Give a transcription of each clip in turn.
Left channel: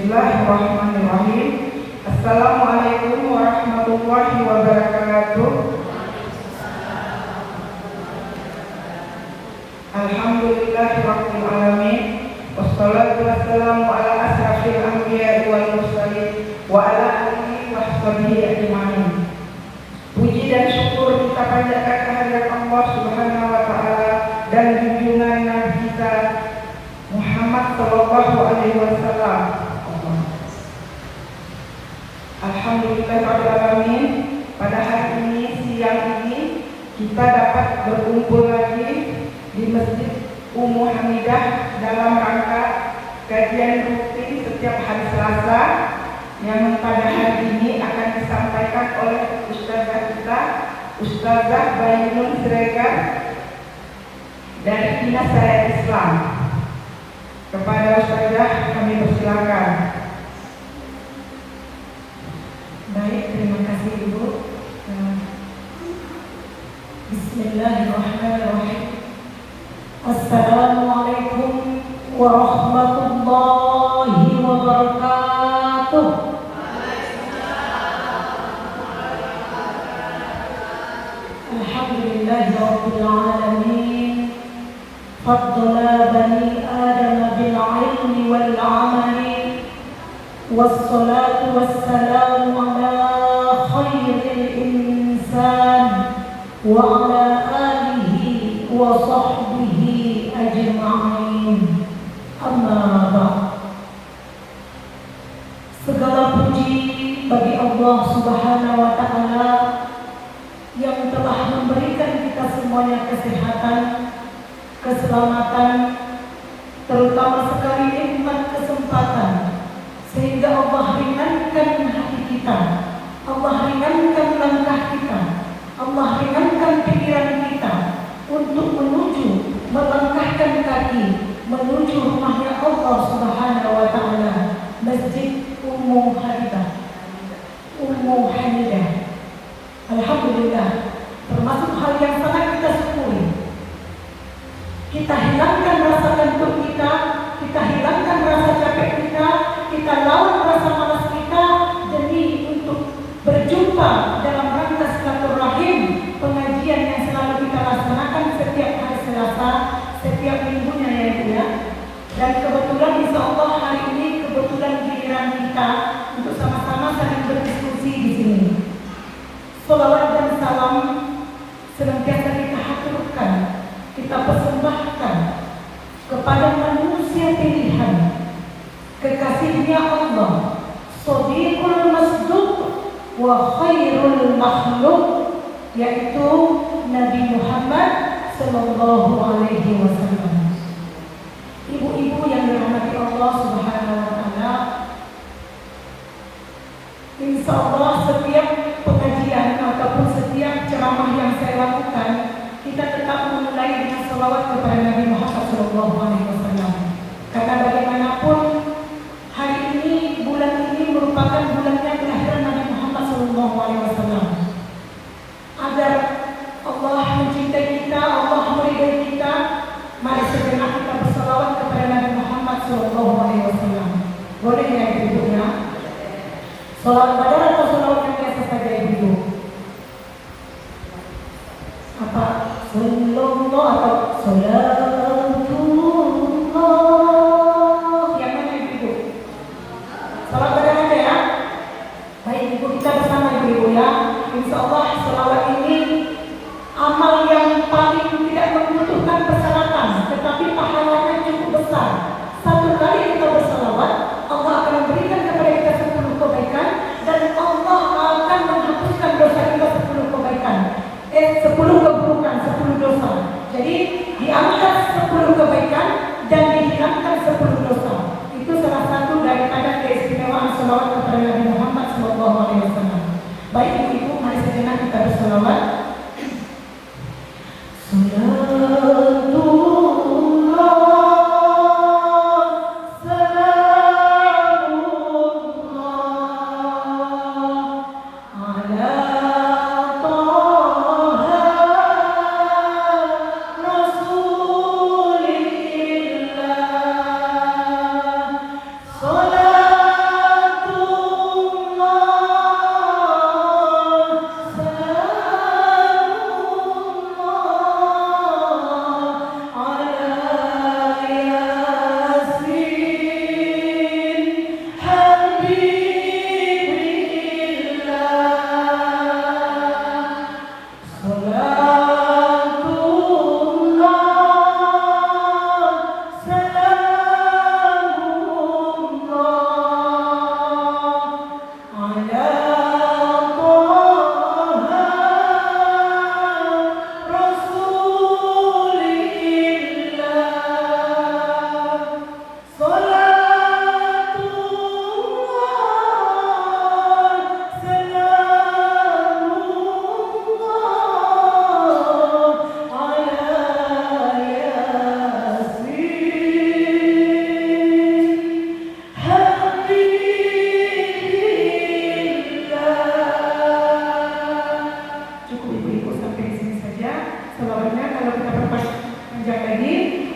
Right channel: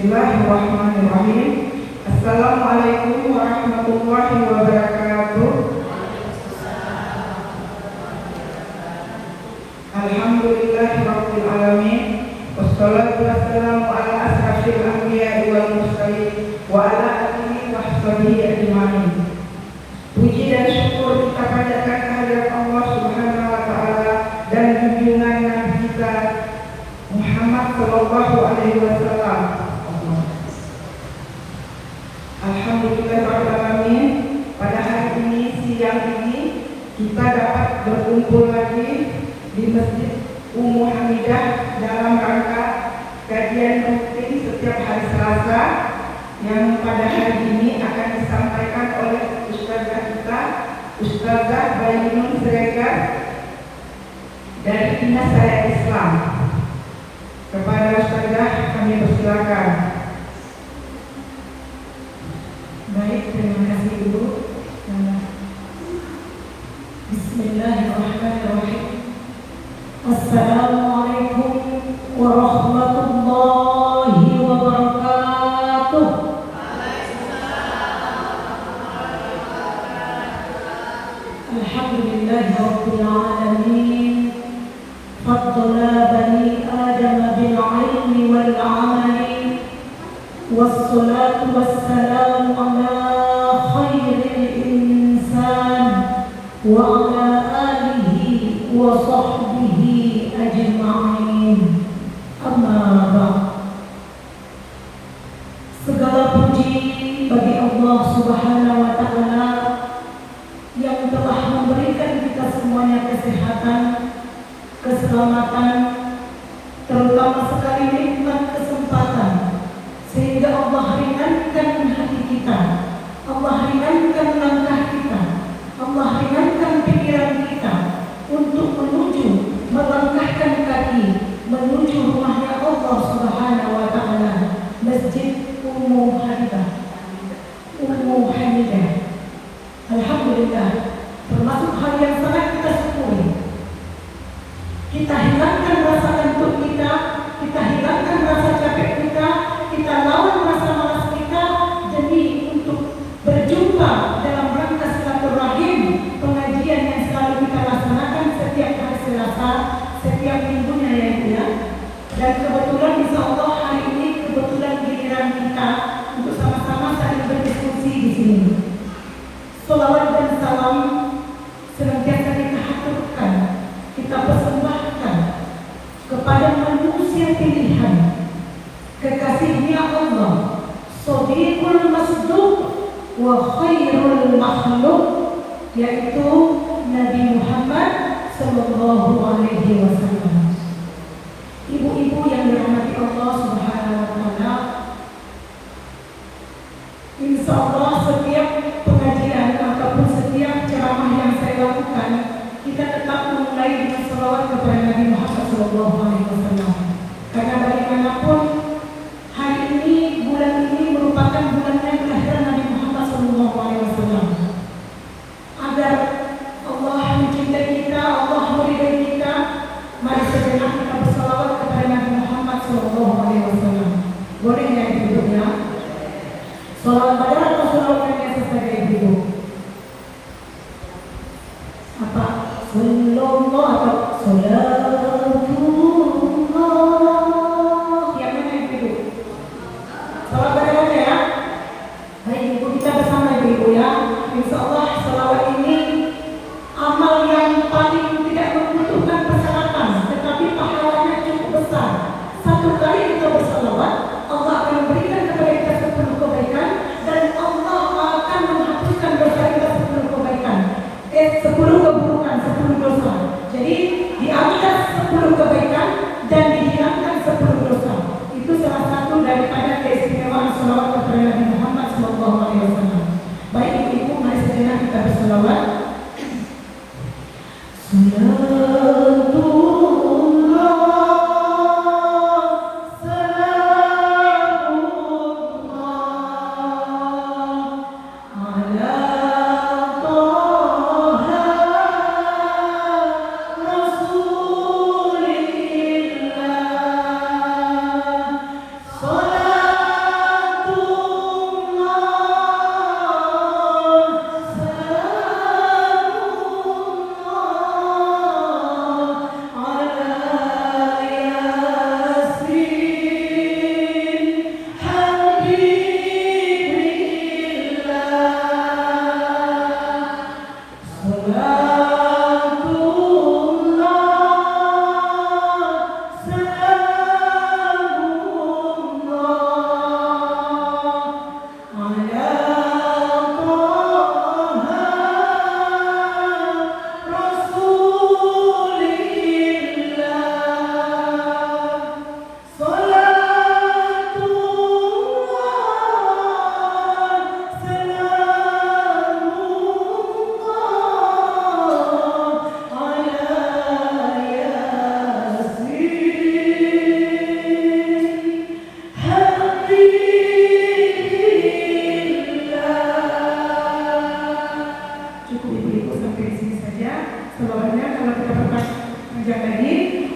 Bismillahirrahmanirrahim. Assalamualaikum warahmatullahi wabarakatuh. Alhamdulillahirabbil alamin. Wassalatu wassalamu ala asrafil anbiya'i wal mursalin wa ala alihi wa sahbihi ajma'in. Puji dan syukur kita panjatkan kehadirat Allah Subhanahu wa taala dan junjungan Nabi kita Muhammad sallallahu alaihi wasallam. Alhamdulillahirabbil alamin. Pada hari ini, siang ini, kita dapat berkumpul lagi di Masjid Ummu Hamidah dalam rangka kajian rutin setiap hari Selasa yang pada hari ini akan disampaikan oleh Ustazah kita, Ustazah Bayyun Siregar dari Dinas Syariat Islam. Kepada Ustazah kami persilakan. Baik, terima kasih Ibu. Bismillahirrahmanirrahim. Assalamualaikum warahmatullahi wabarakatuh. Alhamdulillahirabbil alamin. Faddala bani Adam bil ilmi wal amali. Wassalatu wassalamu ala khairil insan wa ala alihi wa sahbihi ajma'in. Amma ba'd. Segala puji bagi Allah Subhanahu wa taala yang telah memberikan kita semuanya kesehatan, keselamatan, terutama sekali nikmat kesempatan, sehingga Allah ringankan hati kita, Allah ringankan langkah kita, Allah ringankan pikiran kita untuk menuju melangkahkan kaki menuju rumahnya Allah Subhanahu wa taala, Masjid Ummu Hamidah. Alhamdulillah, termasuk hal yang sangat kita syukuri. Kita hilangkan rasa kantuk kita hilangkan rasa capek kita lawan rasa malas kita demi untuk berjumpa dalam rangka silaturahim, pengajian yang selalu kita laksanakan setiap hari Selasa, setiap minggunya ya Bu ya. Dan kebetulan insya Allah hari ini kebetulan giliran kita untuk sama-sama saling berdiskusi di sini. Salawat dan salam senantiasa kita haturkan, kita persembahkan kepada manusia pilihan, kekasihnya Allah, Shadiqul Masduq wa khairul makhluk, yaitu Nabi Muhammad sallallahu alaihi wasallam. Ibu-ibu yang dirahmati Allah Subhanahu wa taala, insya Allah setiap pengajian ataupun setiap ceramah yang saya lakukan, kita tetap memulai dengan salawat kepada Nabi Muhammad sallallahu alaihi wasallam. Karena bagaimanapun hari ini, bulan ini merupakan bulannya kelahiran Nabi Muhammad sallallahu alaihi wasallam. Agar Allah mencintai kita, Allah meridhai kita, mari sejenak kita bersalawat kepada Nabi Muhammad sallallahu alaihi wasallam. Boleh ya Ibu ya? Salawat badar atau salawat yang biasa saja Ibu? Apa? Sallallahu atau salatullah. Yang mana Ibu? Salawat badar ada ya? Baik Ibu, kita bersama Ibu ya. Insya Allah salawat ini amal yang paling tidak membutuhkan persyaratan, tetapi pahalanya cukup besar. Satu kali kita bersalawat, Allah akan memberikan kepada kita 10 kebaikan, dan Allah akan menghapuskan dosa kita 10 kebaikan, 10 keburukan, 10 dosa. Jadi diangkat 10 kebaikan dan dihilangkan 10 dosa. Itu salah satu daripada keistimewaan salawat kepada Nabi Muhammad SAW. Baik Ibu, mari sejenak kita bersalawat. Salam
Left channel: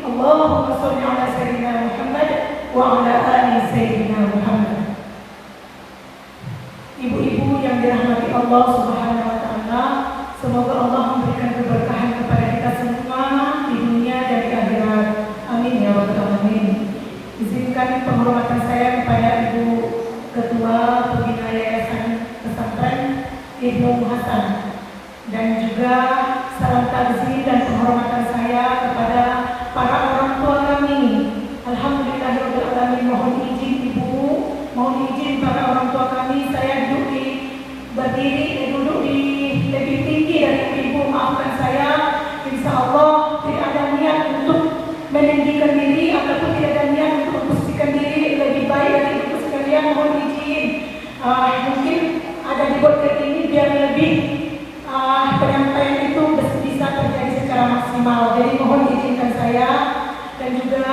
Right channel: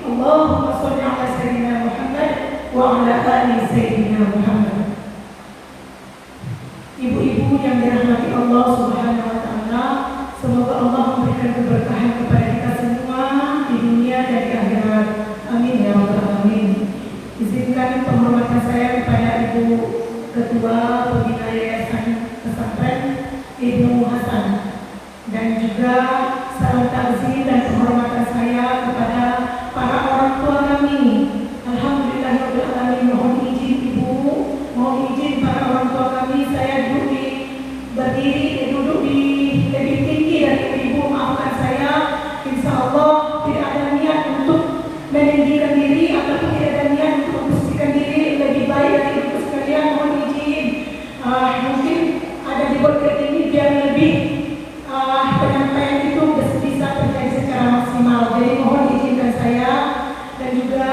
Allahumma sholli ala sayyidina Muhammad wa ala ali sayyidina Muhammad. Ibu-ibu yang dirahmati Allah Subhanahu wa taala, semoga Allah memberikan keberkahan kepada kita semua di dunia dan di akhirat. Amin ya rabbal alamin. Izinkan penghormatan saya kepada Ibu Ketua Pembina Yayasan Pesantren Ibnu Hasan, dan juga salam takziah dan penghormatan saya kepada para orang tua kami. Alhamdulillahirabbil alamin. Mohon izin Ibu, mohon izin para orang tua kami, saya duduk di lebih tinggi dari Ibu, maafkan saya. Insya Allah tidak ada niat untuk meninggikan diri ataupun tidak ada niat untuk memposisikan diri lebih baik dari Ibu sekalian. Mohon izin, mungkin ada di podcast ini biar lebih penyampaian itu bisa terjadi secara maksimal. Jadi mohon izinkan saya, dan juga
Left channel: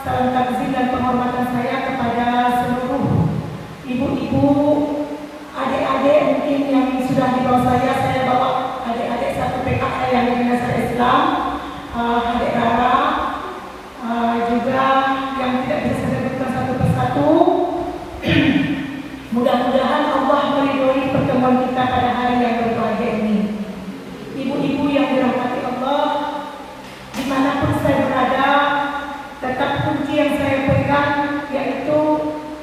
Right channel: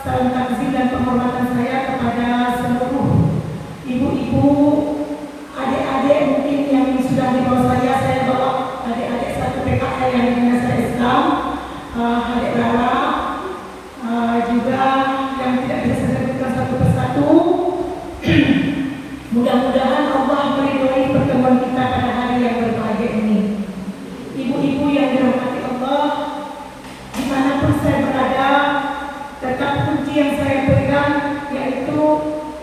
salam takziah dan penghormatan saya kepada seluruh ibu-ibu, adik-adik mungkin yang sudah di bawah saya bawa adik-adik satu PKK yang dengan saya Islam, adik Lara, juga yang tidak bisa disebutkan satu persatu. Mudah-mudahan Allah meridhoi pertemuan kita pada hari yang berbahagia ini. Ibu-ibu yang dirahmati Allah, dimanapun saya berada, tetap kunci yang saya pegang yaitu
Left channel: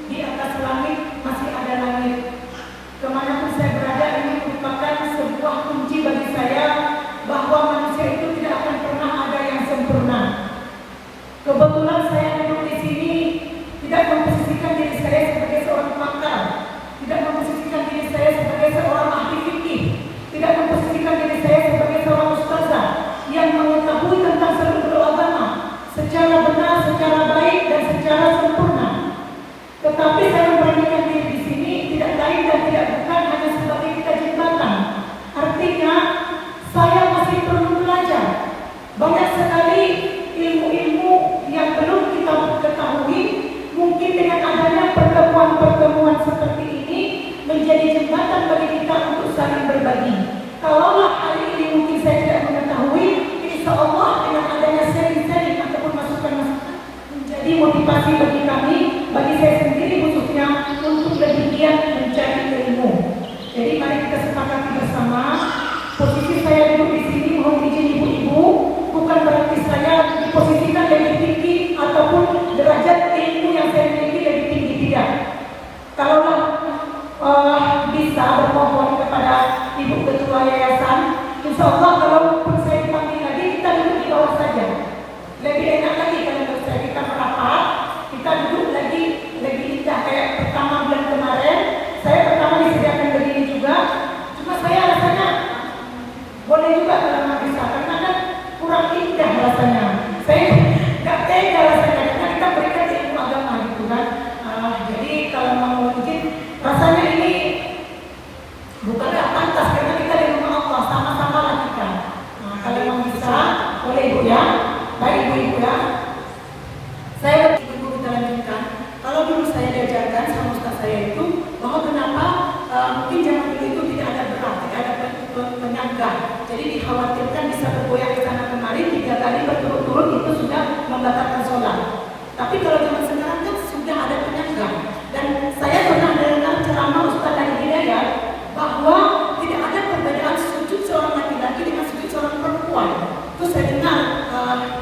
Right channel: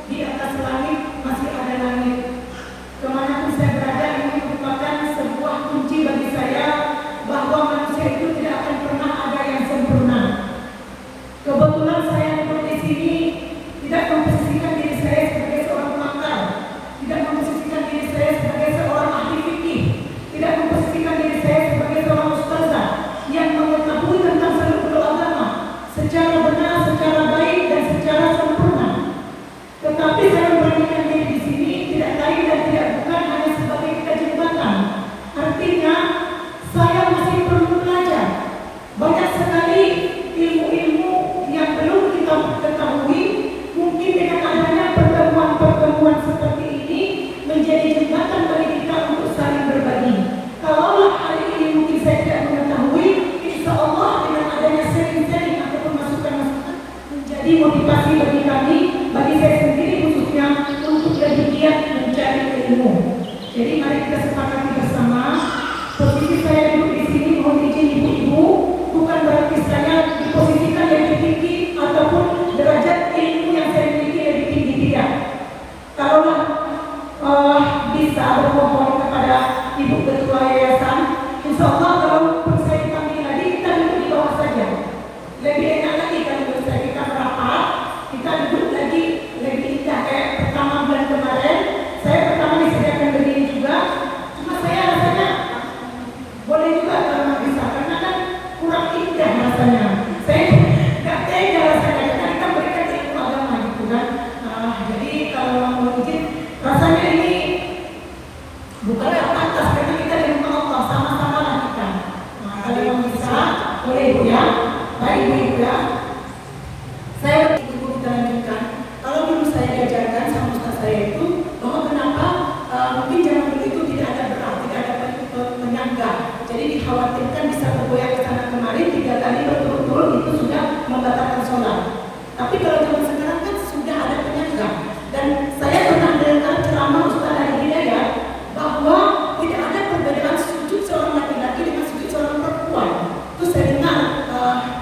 di atas langit masih ada langit. Kemanapun saya berada, ini merupakan sebuah kunci bagi saya bahwa manusia itu tidak akan pernah ada yang sempurna. Kebetulan saya duduk di sini tidak memposisikan diri saya sebagai seorang pakar, tidak memposisikan diri saya sebagai seorang ahli fikih, tidak memposisikan diri saya sebagai seorang ustazah yang mengetahui tentang seluruh agama secara benar, secara baik, dan secara sempurna. Tetapi saya memberikan diri di sini tidak lain dan tidak bukan hanya sebagai kita jembatan. Artinya saya masih perlu belajar. Banyak sekali ilmu-ilmu yang belum kita ketahui. Mungkin dengan adanya pertemuan-pertemuan seperti ini menjadi jembatan bagi kita untuk saling berbagi. Kalaulah hal ini mungkin saya tidak mengetahui, insya Allah dengan adanya sharing-sharing ataupun masukan-masukan menjadi motivasi bagi kami, bagi saya sendiri khususnya, untuk lebih giat mencari ilmu. Jadi mari kita sepakati bersama. Posisi saya duduk di sini, mohon izin ibu-ibu, bukan berarti saya diposisikan lebih tinggi ataupun derajat ilmu yang saya miliki lebih tinggi, tidak. Kalaulah bisa bermohon kepada Ibu Ketua Yayasan, insya Allah kalaupun saya dipanggil lagi, kita duduk di bawah saja. Lebih enak lagi kalau bisa kita merapat, kita duduk lagi lebih indah kayak pertama bulan kemarin. Saya pertama disediakan begini juga, cuma saya rasanya boleh juga kalau nggak bisa, karena kan kurang indah rasanya. Saya nggak tega rasanya, karena kita berikan ilmu agama gitu kan. Jadi kalau mau izin, rasanya ini bukan pantas karena kita di rumah Allah, sama-sama lah kita. Kalau mau bisa, boleh ibu ya, baik ibu ya. Saya ibu kita lanjutkan. Kalau dulu saya diajarkan sama ustaz saya itu bahwa kenapa mungkin zaman dulu itu tidak ada berat, tidak ada penyangga. Jadi dikhawatirkan bisa bergoyang ke sana kemari 3 kali berturut-turut itu sudah membatalkan sholat. Tapi kalau zaman sekarang kan sudah ada penyangga. Dan saya pernah dengar ceramah Ustaz Ali Hidayat bahwa tidak ada perbedaan sujud seorang laki-laki dengan sujud seorang perempuan. Itu saya dengar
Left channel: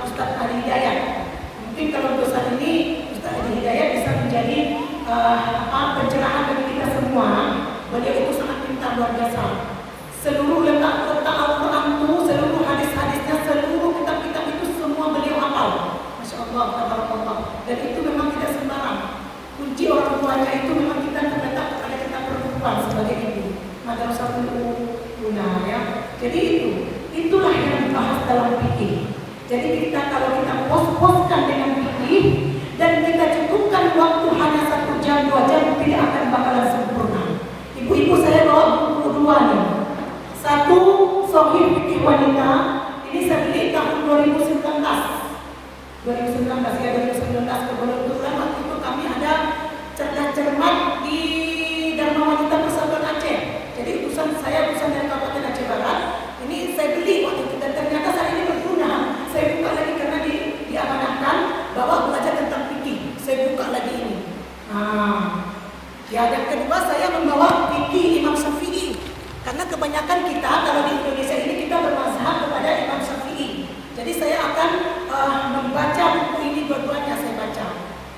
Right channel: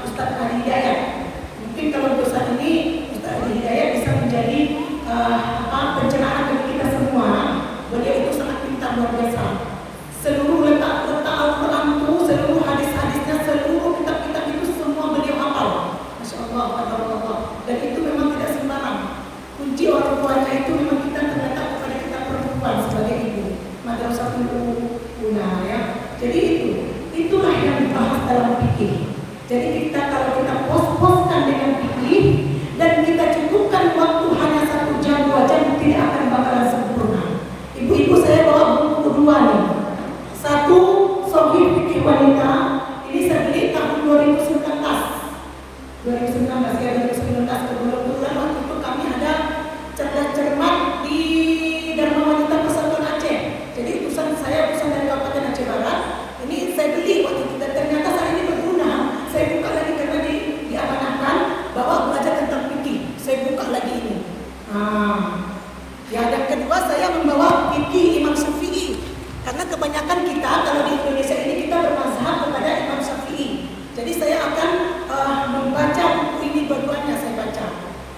Ustaz Ali Hidayat. Mungkin kalau untuk saat ini Ustaz Ali Hidayat bisa menjadi pencerahan bagi kita semua. Beliau itu sangat pintar, luar biasa. Seluruh letak Al-Quran itu, seluruh hadis-hadisnya, seluruh kitab-kitab itu semua beliau hafal. Masya Allah, tabarakallah. Dan itu memang tidak sembarang. Kunci orang tuanya itu memang kita terletak kepada kita perempuan. perempuan sebagai ibu, madrasatul ula ya. Jadi itulah yang dibahas dalam fikih. Jadi kalau kita pos-poskan dengan fikih dan kita cukupkan waktu hanya 1 jam 2 jam, tidak akan bakalan sempurna. Ibu-ibu, saya bawa buku 2 nih. Satu, Sahih Fikih Wanita. Ini saya beli tahun 2019 ya, 2019 kebetulan waktu itu kami ada cerdas cermat di Dharma Wanita Persatuan Aceh. Jadi utusan dari Kabupaten Aceh Barat. Ini saya beli waktu itu dan ternyata saat ini berguna. Saya buka lagi karena diamanahkan bahwa belajar tentang fikih. Saya buka lagi ini. Ya, yang kedua saya membawa fikih Imam Syafi'i. Karena kebanyakan kita kalau di Indonesia ini kita bermazhab kepada Imam Syafi'i. Jadi saya akan membaca buku ini dua-duanya saya baca.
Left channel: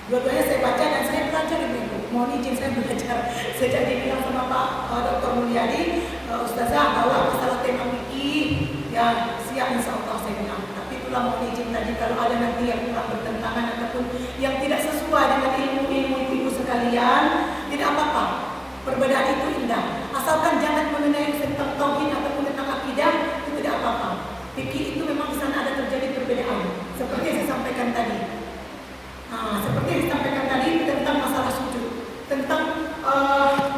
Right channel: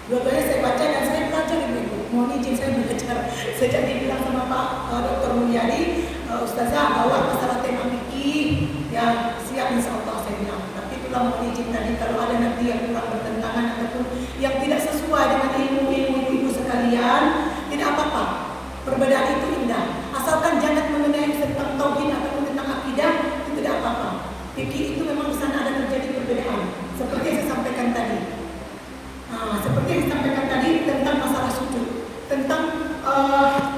Dua-duanya saya baca dan saya belajar ibu-ibu. Mohon izin saya belajar. Sejak dibilang sama Pak Dr. Mulyadi, Ustazah bawa masalah tema fikih, ya siap insyaallah saya bilang. Tapi itulah mohon izin tadi kalau ada nanti yang kurang bertentangan ataupun yang tidak sesuai dengan ilmu-ilmu ibu sekalian, tidak apa-apa. Perbedaan itu indah. Asalkan jangan mengenai tentang tauhid ataupun tentang akidah, itu tidak apa-apa. Fikih itu memang di sana ada terjadi perbedaan. Seperti yang saya sampaikan tadi. Seperti yang disampaikan tadi tentang masalah sujud, tentang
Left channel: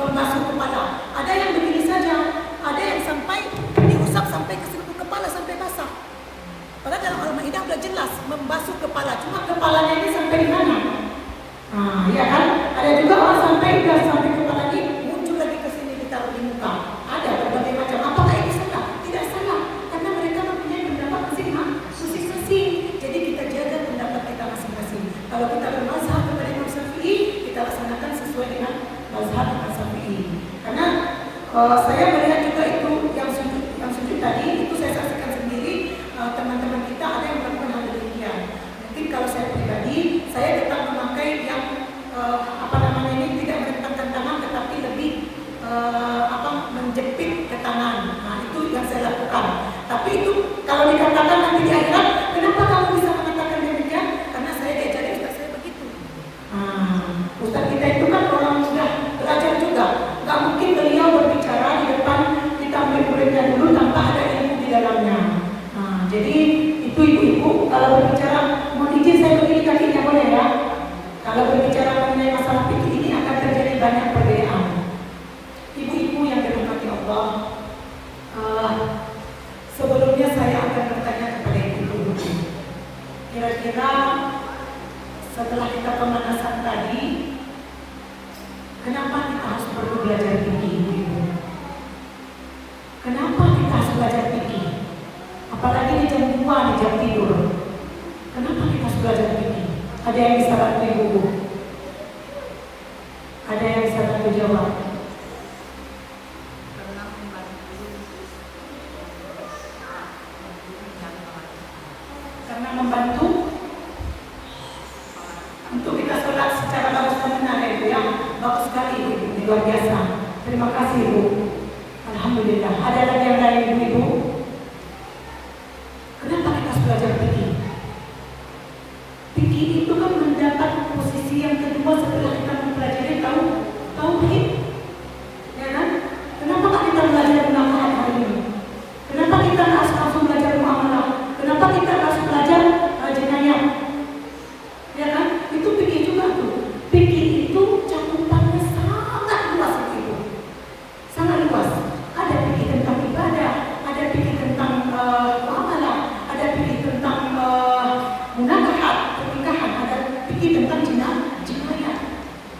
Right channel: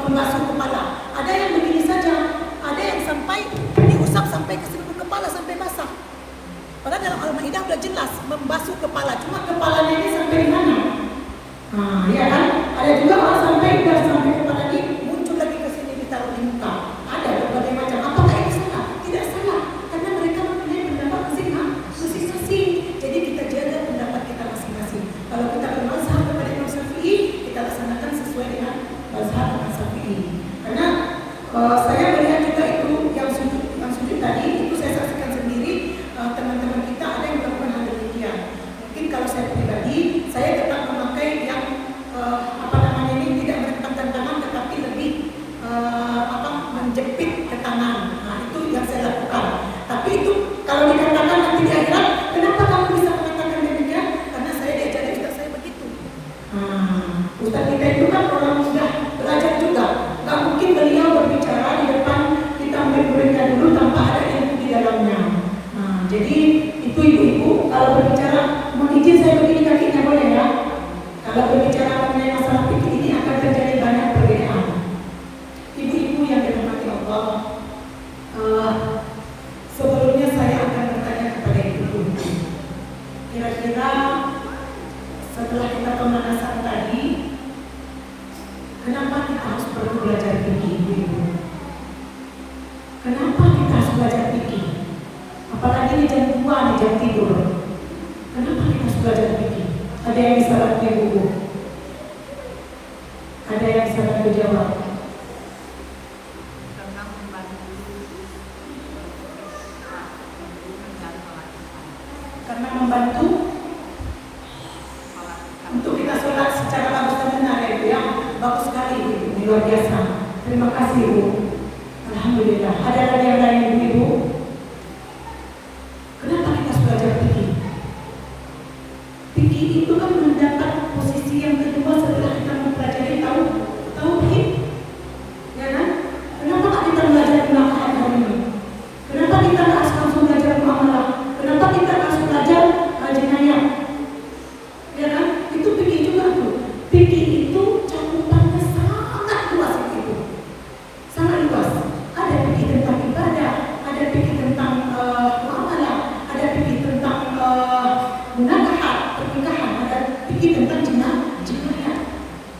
membasuh kepala. Ada yang begini saja, ada yang sampai diusap sampai ke seluruh kepala sampai basah. Padahal dalam Al-Maidah sudah jelas membasuh kepala, cuma kepalanya ini sampai di mana? Ya kan? Ada juga orang sampai kepala ini muncul lagi ke sini ditaruh di muka. Ada berbagai macam. Apakah ini salah? Tidak salah, karena mereka mempunyai pendapat masing-masing. Jadi kita jaga pendapat kita masing-masing. Kalau kita bermazhab kepada Imam Syafi'i, kita laksanakan sesuai dengan mazhab Imam Syafi'i. Karena saya melihat juga itu yang sujud tadi, itu saya saksikan sendiri, teman-teman kita ada yang melakukan hal demikian. Mungkin kalau saya pribadi, saya tetap memakai yang ini tidak merentangkan tangan, tetapi lebih menjepit ke tangan. Itu yang saya lakukan. Tapi itu kalau dikatakan nanti di akhirat, kenapa kamu bisa mengatakan demikian? Karena saya diajari ustaz saya begitu. Ustaz kita itu kan orang sudah belajar juga. Gak mungkin beliau berbicara di depan kita murid-muridnya dulu tanpa ada ilmu di dalamnya. Jadi itu ibu-ibu kalau berbicara, mungkin saya begini kakinya boleh ya? Kalau berbicara mengenai masalah fikih ini akan terjadi banyak perbedaan. Ibu-ibu yang dirahmati Allah, sebelumnya saya akan bertanya kepada ibu-ibu. Kira-kira setelah kita pemanasan tadi, kenapa kita harus perlu belajar fikih, ibu-ibu? Kenapa kita harus belajar fikih? Apalagi di jam 2, di jam tidur. Kenapa kita harus belajar fikih? Ada yang bisa bantu ibu? Ada yang bisa bantu jawab? Karena membantu untuk kita sholat secara bagus dan benar ya ibu ya. Bagus sekali ibu, luar biasa. Terima kasih ibu. Alhamdulillah. Ada lagi yang lain ibu? Kenapa kita harus belajar fikih? Fikih itu kan mendapat posisi yang kedua setelah kita mempelajari tauhid, ya kan? Kenapa tak kita belajar munakahat hari ini? Kenapa kita tak langsung belajar muamalah? Kenapa kita harus belajar jenayah? Ya kan? Itu fikih juga tuh. Fikih itu cakupannya sangat luas itu, sangat luas. Ada fikih tentang ibadah, ada fikih tentang muamalah, ada fikih tentang munakahat, pernikahan, ada fikih tentang jenayah.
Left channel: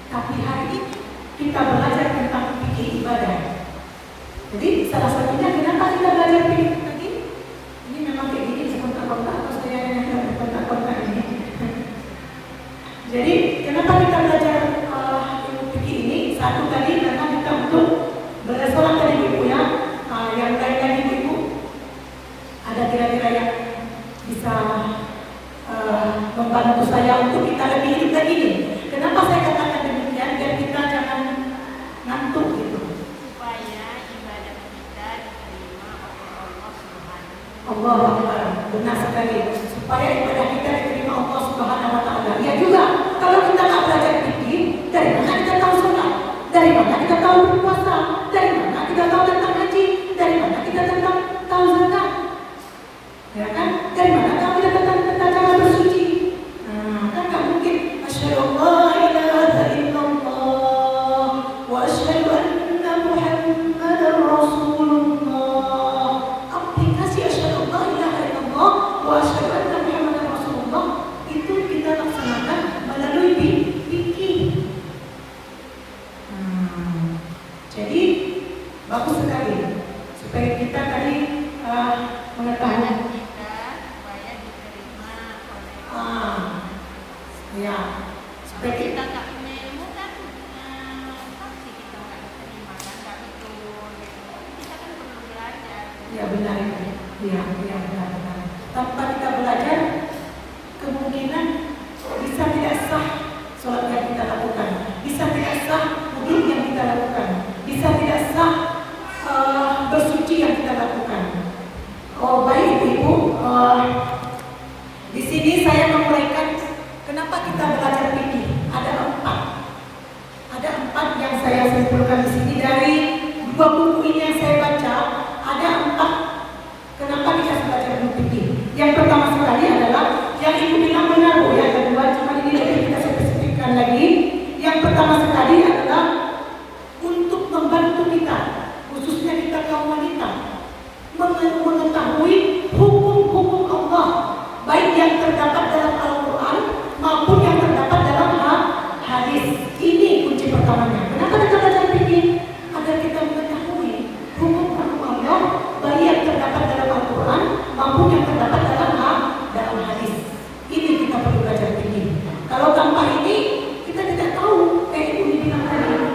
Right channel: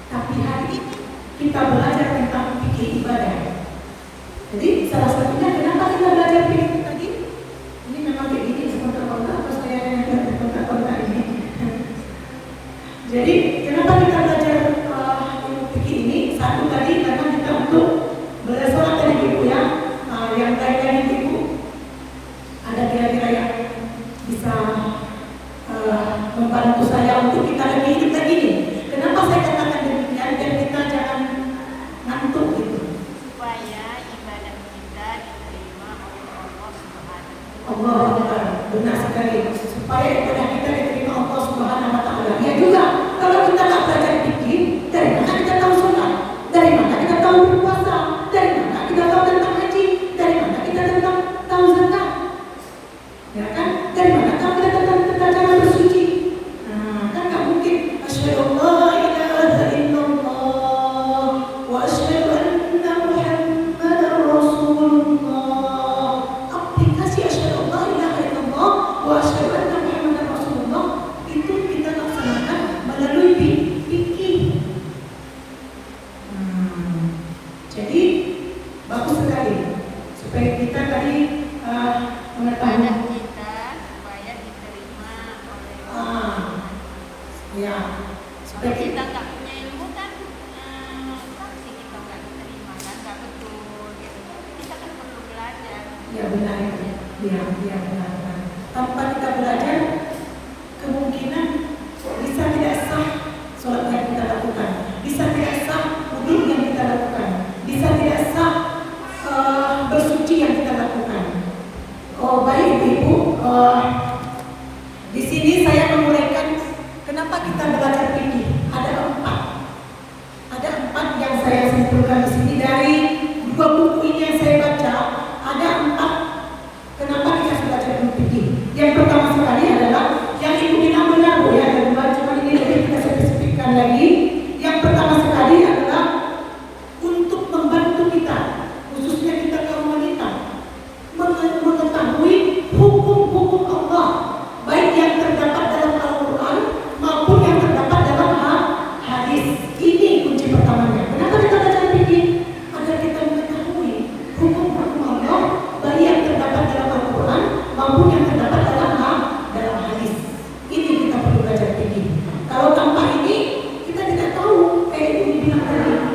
Tapi hari ini kita belajar tentang fikih ibadah. Jadi salah satunya kenapa kita belajar fikih tadi? Ini memang kayak gini sebentar-bentar atau saya yang berbentar-bentar ini. Jadi kenapa kita belajar fikih ini? Satu tadi karena kita untuk bersolat tadi ibu ya. Yang lain tadi ibu ada kira-kira yang bisa membantu saya untuk kita lebih hidup lagi nih. Kenapa saya katakan demikian? Biar kita jangan ngantuk gitu. Allah Akbar, benar sekali. Supaya ibadah kita diterima Allah Subhanahu Wa Taala. Ya juga, kalau kita nggak belajar fikih, dari mana kita tahu sholat? Dari mana kita tahu berpuasa? Ya benar itu. Ya benar. Tanpa kita belajar, kemungkinan bisa tidak sah sholat yang kita lakukan, bisa tidak sah wudhu yang kita lakukan, bisa tidak sah bersuci yang kita lakukan. Oh baik ibu, di sini saya menguraikan kenapa kita belajar fikih. Ada empat yang saya simpulkan di sini dari dua buku ini yang saya baca. Ada empat kenapa kita harus belajar fikih. Yang pertama sekali adalah yang ibu bilang benar bu, yang kedua cuma ini lagi kita spesifikkan lagi. Yang pertama sekali adalah untuk membantu kita, khususnya kita kaum wanita, mengetahui hukum-hukum Allah, baik yang terdapat dalam Al-Quran maupun yang terdapat dalam hadis. Ini kunci pertamanya. Kenapa kita belajar fikih? Agar kita mengetahui hukum-hukum Allah, baik yang terdapat dalam Al-Quran maupun yang terdapat dalam hadis. Ini kita perlu belajar fikih. Kalau tanpa ini kita tidak tahu ini bilang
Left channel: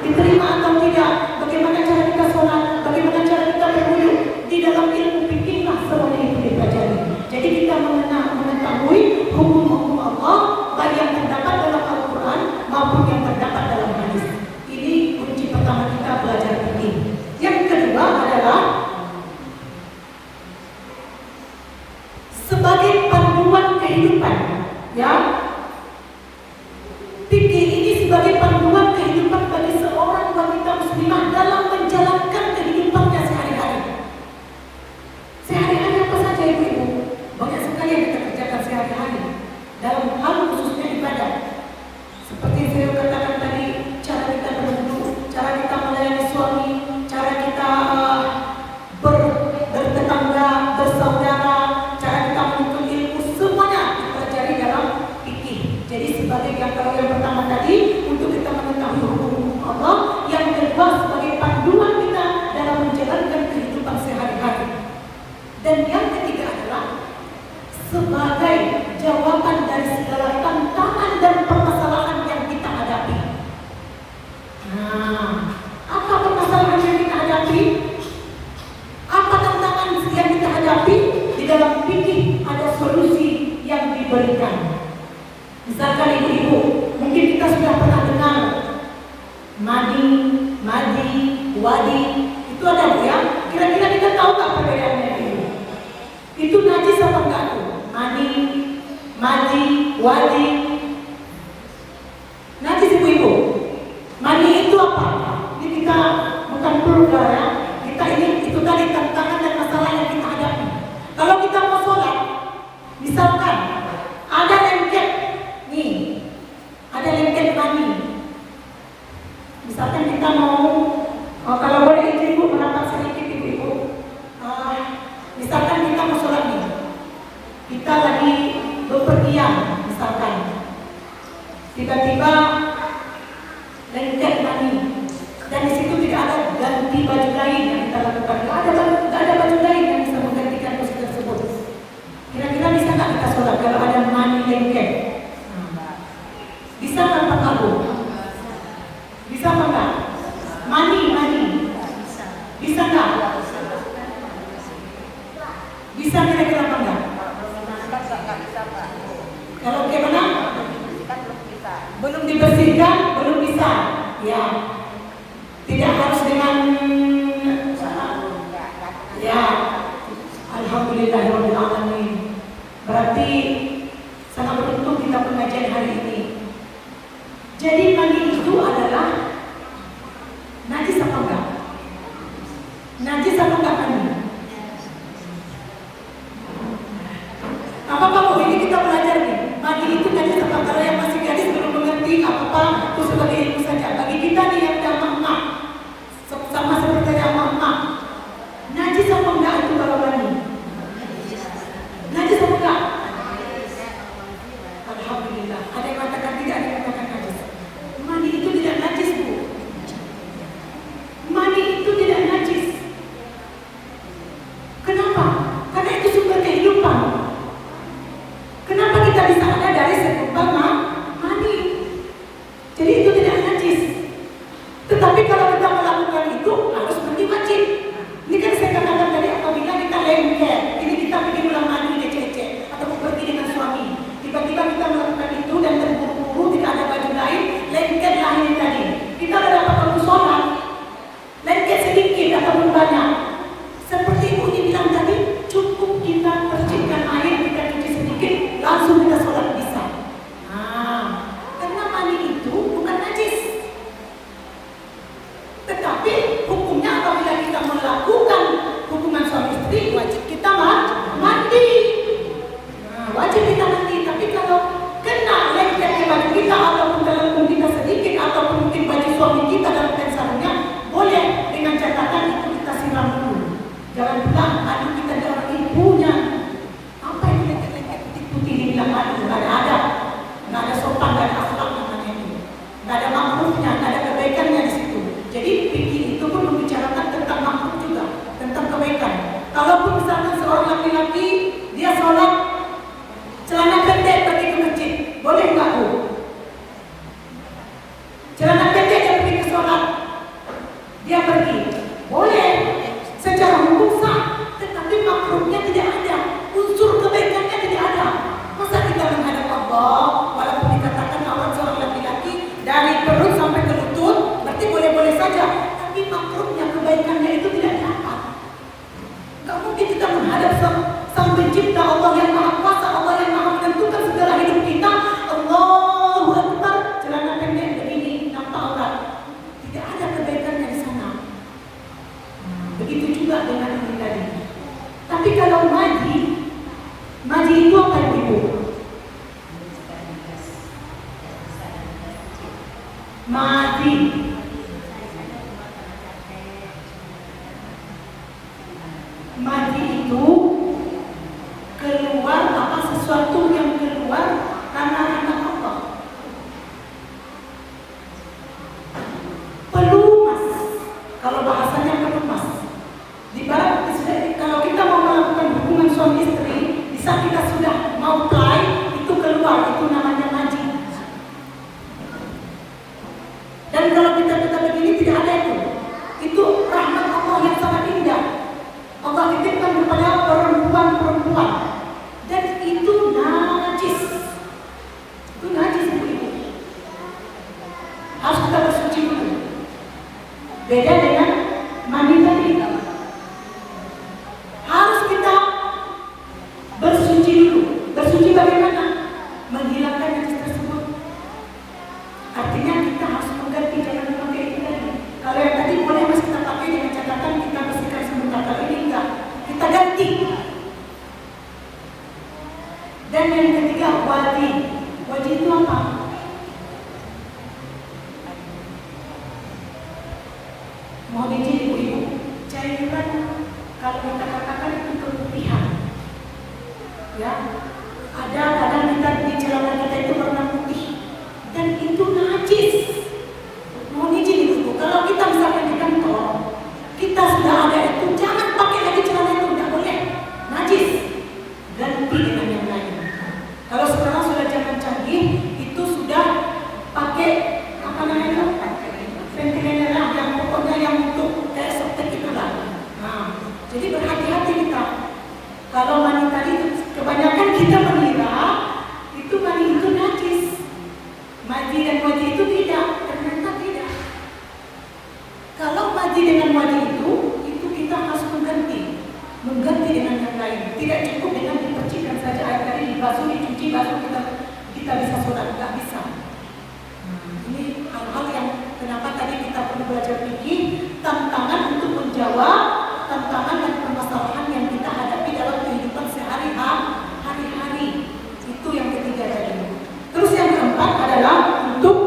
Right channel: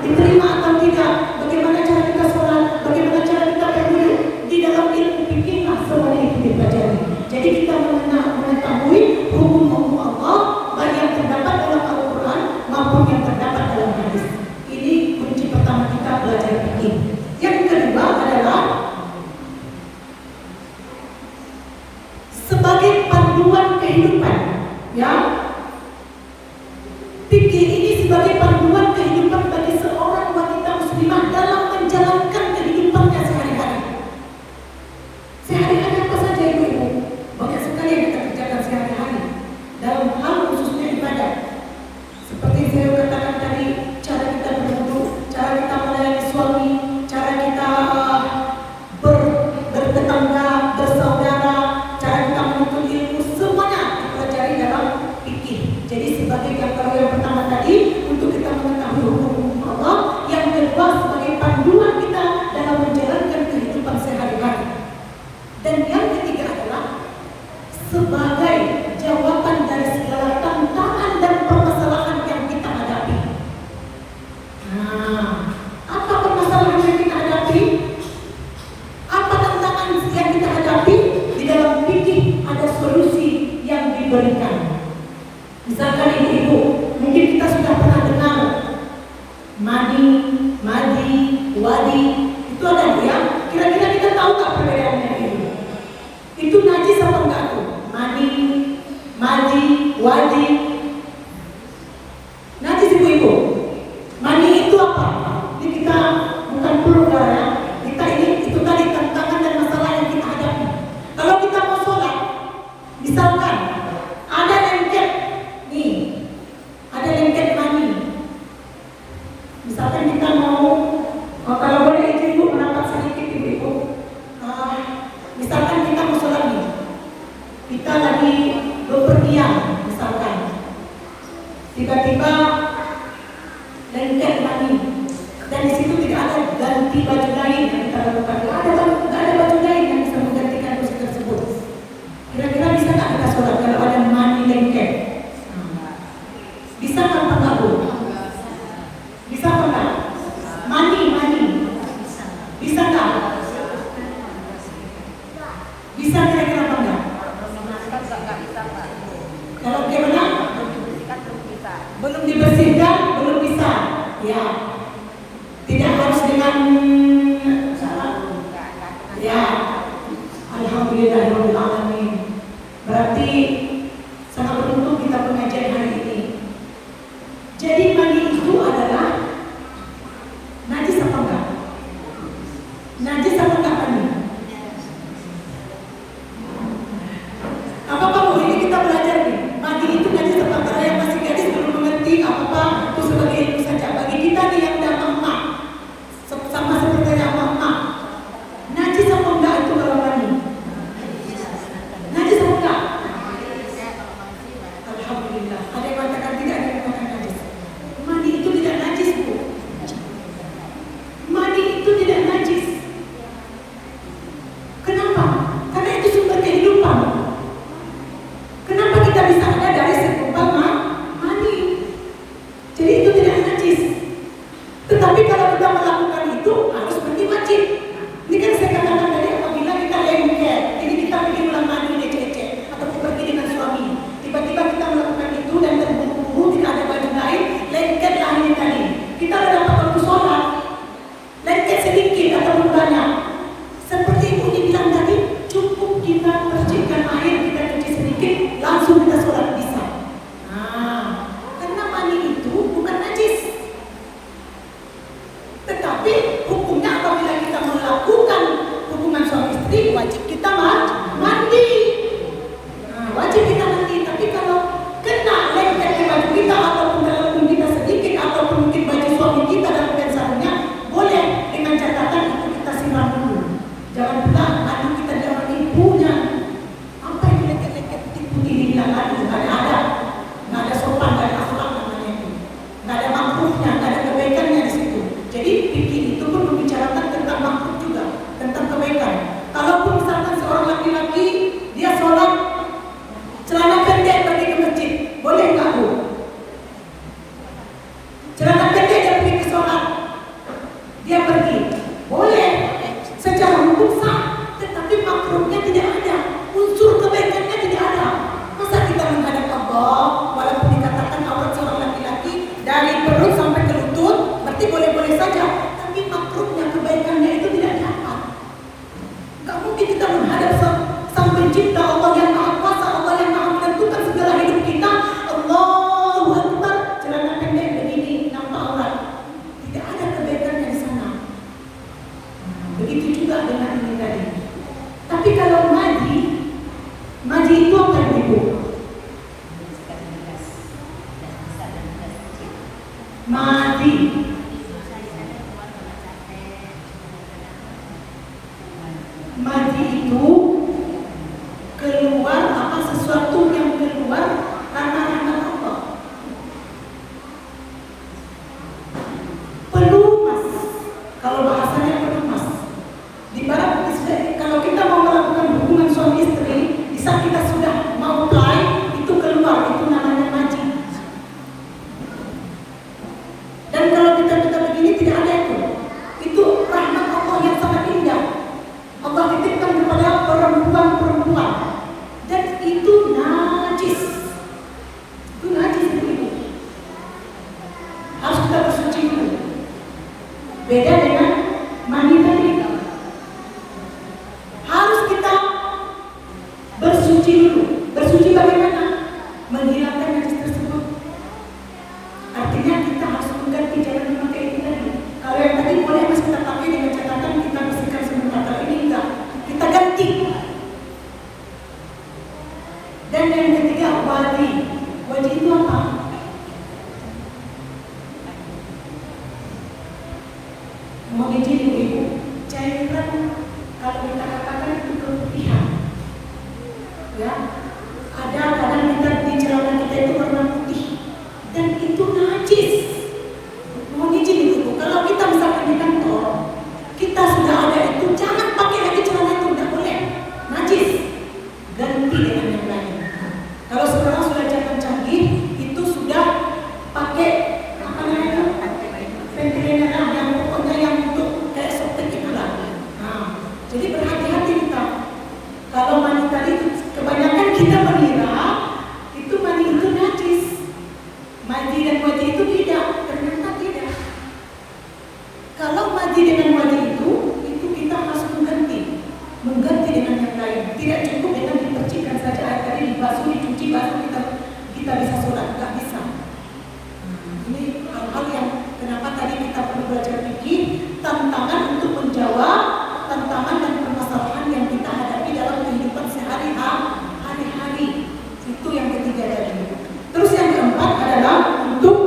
diterima atau tidak, bagaimana cara kita sholat, bagaimana cara kita berwudu. Di dalam ilmu fikih lah semuanya itu dipelajari. Jadi kita mengetahui hukum-hukum Allah baik yang terdapat dalam Al-Quran maupun yang terdapat dalam hadis. Ini kunci pertama kita belajar fikih. Yang kedua adalah sebagai panduan kehidupan, ya. Fikih ini sebagai panduan kehidupan bagi seorang wanita muslimah dalam menjalankan kehidupannya sehari-hari. Sehari-hari apa saja ibu-ibu? Banyak sekali yang kita kerjakan sehari-hari dalam hal khususnya ibadah. Seperti saya katakan tadi, cara kita berwudu, cara kita melayani suami, cara kita bertetangga, bersaudara, cara kita menuntut ilmu, semuanya dipelajari dalam fikih. Jadi sebagai kalau yang pertama tadi untuk kita mengetahui hukum Allah, yang kedua sebagai panduan kita dalam menjalankan kehidupan sehari-hari. Dan yang ketiga adalah sebagai jawaban dari segala tantangan dan permasalahan yang kita hadapi. Apa permasalahan yang kita hadapi? Apa tantangan yang kita hadapi? Di dalam fikih ada solusi yang diberikan. Misalkan ibu-ibu, mungkin kita sudah pernah dengar madi, wadi, itu ada bu ya. Kira-kira kita tahu nggak perbedaannya ini? Itu najis apa enggak tuh? Madi, wadi. Najis ibu-ibu. Madi itu apa? Ini kita bukan perlu ya. Kita ini itu tadi tantangan dan masalah yang kita hadapi. Kalau kita mau sholat, misalkan ada lengket, nih, ada lengket mani. Misalkan kita mau, kalau boleh izin bu, kenapa sedikit ibu-ibu? Misalkan kita mau sholat nih, kita lagi bepergian, misalkan, tiba-tiba lengket mani, dan di situ tidak ada ganti baju lain yang kita lakukan. Tidak ada baju lain yang bisa menggantikan dosa tersebut. Kira-kira bisa nggak kita sholat kalau ada mani lengket? Bisa nggak Pak Abu? Bisa nggak? Mani. Bisa nggak? Bisa kira-kira apa enggak? Kalau bagaimana? Belum dibersihkan, belum bisa. Ya. Tidak harus dengan ya. Alhamdulillahirabbil alamin. Berarti sangat beruntung kita pengajian hari ini. Jadi mani itu adalah najis apa enggak? Najis apa enggak mani? Apa-apa bu, ini kita belajar nih. Mani itu najis apa? Kalau yang masih gadis belum mengerti apa-apa, itu sebagai ilmu saja. Bagi kita nih yang udah emak, sama seperti yang emak, najis apa enggak itu kalau mani? Najis apa enggak? Alhamdulillah. Ada yang mengatakan tidak, ada yang mengatakan najis. Mani itu tidak najis bu. Mani itu tidak najis. Kenapa? Karena itu sumber kehidupan. Kenapa kita bisa ada dari segumpal mani? Jadi itu tidak najis. Tetapi kalau kita melakukan itu harus mandi wajib. Ini kan saya katakan tadi apabila kita sedikit ataupun banyak. Seperti Ibu dibilang tadi, cukup kita percikan air, kita cuci sedikit, langsung kita sholat bisa. Nah, karena mani itu bukan najis. Tetapi hukumnya apabila kita melakukan hubungan suami istri, wajib kita mandi. Nah, wajib kita mandi. Tapi kalau kena lengket di baju kita ataupun dalam kita sedikit ataupun mungkin baju suami kita dalam pensarnya, boleh dengan catatan itu kita siram dulu. Jangan pula aduh kita ada orang ibunya. Apa itu lengket-lengket putih-putih ini bilang aduh, nggak ada sopan, nggak ada akhlak namanya itu, nggak ada makrufnya, nggak ada kebaikannya di situ. Jadi fikih itu pun membicarakan tentang makruf juga, tentang kebaikan. Kalaupun misalkan seorang laki-laki dia sholat celana pendek pergi ke masjid, boleh nggak Bu? Celana pendek dia pergi ke sholat, dia pergi, boleh. Secara hukum sah, tetapi makruhnya tidak ada, unsur kebaikannya tidak ada. Masa kita menghadap Allah, walaupun dikatakan aurat seorang laki-laki dari perut sampai ke lutut, berarti boleh-boleh saja, tapi makruhnya kebaikannya itu tidak dapat. Gak mungkin kita menghadap sang pencipta, Allah yang maha kuasa, Allah yang maha menentukan segala hidup kita. Allahu Akbar, celana pendek begini nampak aurat, tidak ada kebaikannya di sana. Begitu juga dengan ini tadi. Tapi kalau maji itu apa Ibu? Maji itu keluar apa, sesuatu yang keluar karena rahmat Allah. Pelumas, kalau bahasanya pelumas. Di barat kalau kita mau melakukan hubungan suami istri, bisa kita sudah mau play, itu keluar, itu namanya maji. Dan kalau kita begini tidak ada itu rahmat Allah yang sangat indah. Allah titipkan kepada perempuan-perempuan, dan itu najis. Itu najis Ibu. Harus kita bersuci dulu. Beda dengan mandi tadi. Harus kita bersuci dulu. Bersuci bagaimana? Menghilangkan najis tersebut. Artinya kita harus mengganti, jangan memakai ini tadi. Kalau yang tadi boleh masih kita pakai dengan catatan kita bersihkan sebentar. Kalau ini enggak, kita ganti. Dan yang ketiga wadi. Wadi itu apa? Mohon izin Ibu-ibu, cairan kalau kita katakan itu keputihan. Ya, ada kadang kita di celana kita itu warna putih dan itu najis. Mohon izin Ibu, kalau kita misalkan di kantor, kita sudah ada itu, jangan pakai lagi celana itu, tidak boleh, najis. Ganti dengan yang lain. Kalau sekarang sudah zaman canggih, itu sudah pakai apa namanya? Ventilator yang pokoknya yang untuk kayak softtek itulah. Nah, jadi berhati-hati kita. Kalau mani tadi kebanyakan kita mengira itu mani itu najis. Mandi dan wajib itu tidak, ternyata tidak. Kalau mandi dengan wajib itu kita harus mengganti dengan yang lain. Tidak cukup dengan dipercikan saja air tadi dibasuh, dicuci, basuh kita bisa sholat, nggak bisa. Ini hal-hal yang kenapa tadi kita perlu belajar fikih, tantangan untuk menjawab tantangan dan permasalahan yang kita hadapi dalam kehidupan sehari-hari. Itu yang ketiga tadi. Terus yang keempat adalah untuk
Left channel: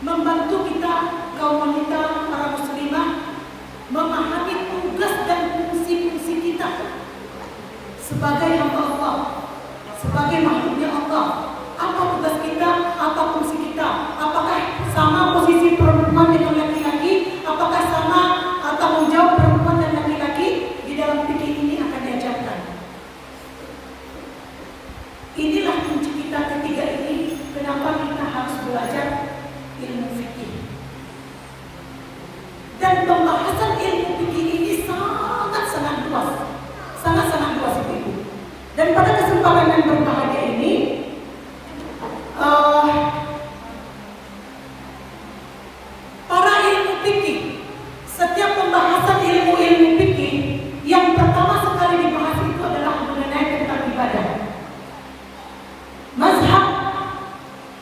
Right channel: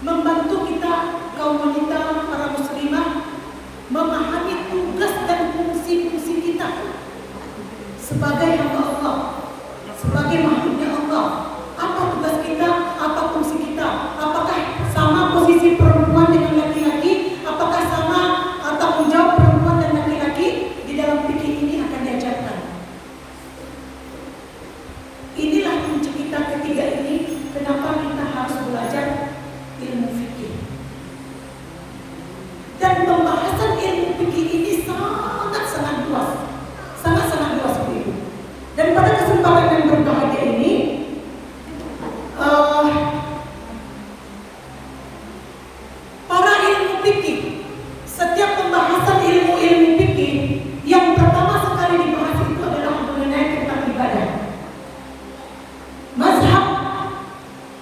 membantu kita, kaum wanita, para muslimah, memahami tugas dan fungsi-fungsi kita sebagai hamba Allah, sebagai makhluknya Allah. Apa tugas kita? Apa fungsi kita? Apakah sama posisi perempuan dengan laki-laki? Apakah sama tanggung jawab perempuan dan laki-laki? Di dalam fikih ini akan diajarkan. Inilah kunci kita ketiga ini. Kenapa kita harus belajar ilmu fikih? Dan pembahasan ilmu fikih ini sangat-sangat luas, sangat-sangat luas Ibu. Dan pada kesempatan yang berbahagia ini, para ilmu fikih setiap pembahasan ilmu-ilmu fikih, yang pertama sekali dibahas itu adalah mengenai tentang ibadah. Mazhab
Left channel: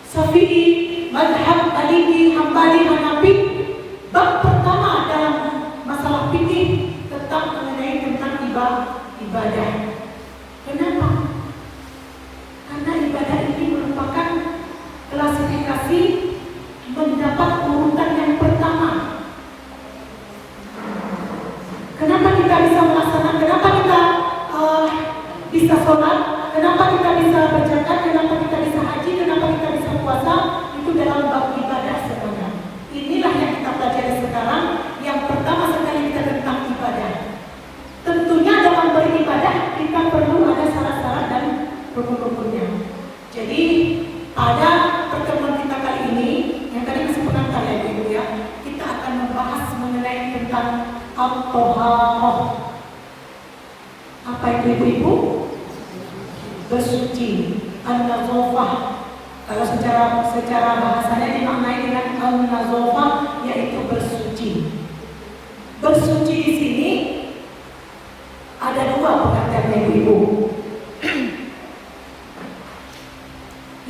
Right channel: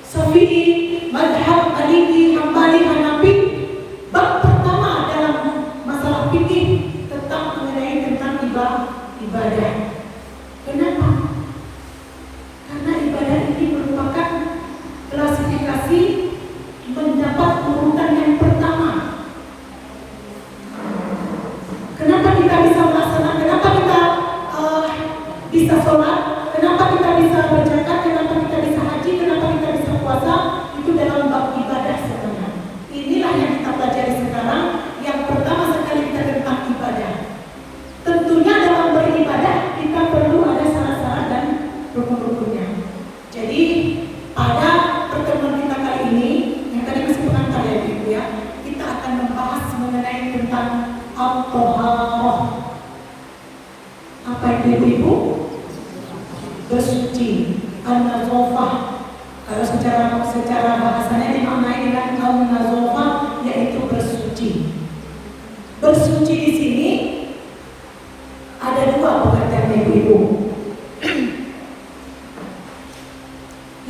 Syafi'i, mazhab Maliki, Hambali, Hanafi, bab pertama dalam masalah fikih tentang mengenai tentang ibadah. Kenapa? Karena ibadah ini merupakan klasifikasi mendapat urutan yang pertama. Kenapa kita bisa melaksanakan? Kenapa kita bisa sholat? Kenapa kita bisa berzakat? Kenapa kita bisa haji? Kenapa kita bisa puasa? Itu dalam bab ibadah sebenarnya. Inilah yang kita pelajari sekarang. Yang pertama sekali kita tentang ibadah. Tentunya dalam beribadah kita perlu ada syarat-syarat dan rukun-rukunnya. Jadi pada pertemuan kita kali ini, yang tadi masih pengantar ya Ibu ya, kita akan membahas mengenai tentang al-toharoh. Apa itu Ibu? Bersuci, an-nazofah. Kalau secara bahasanya dimaknai dengan al-nazofah, yaitu bersuci. Bersuci di sini ada dua pengertian Ibu.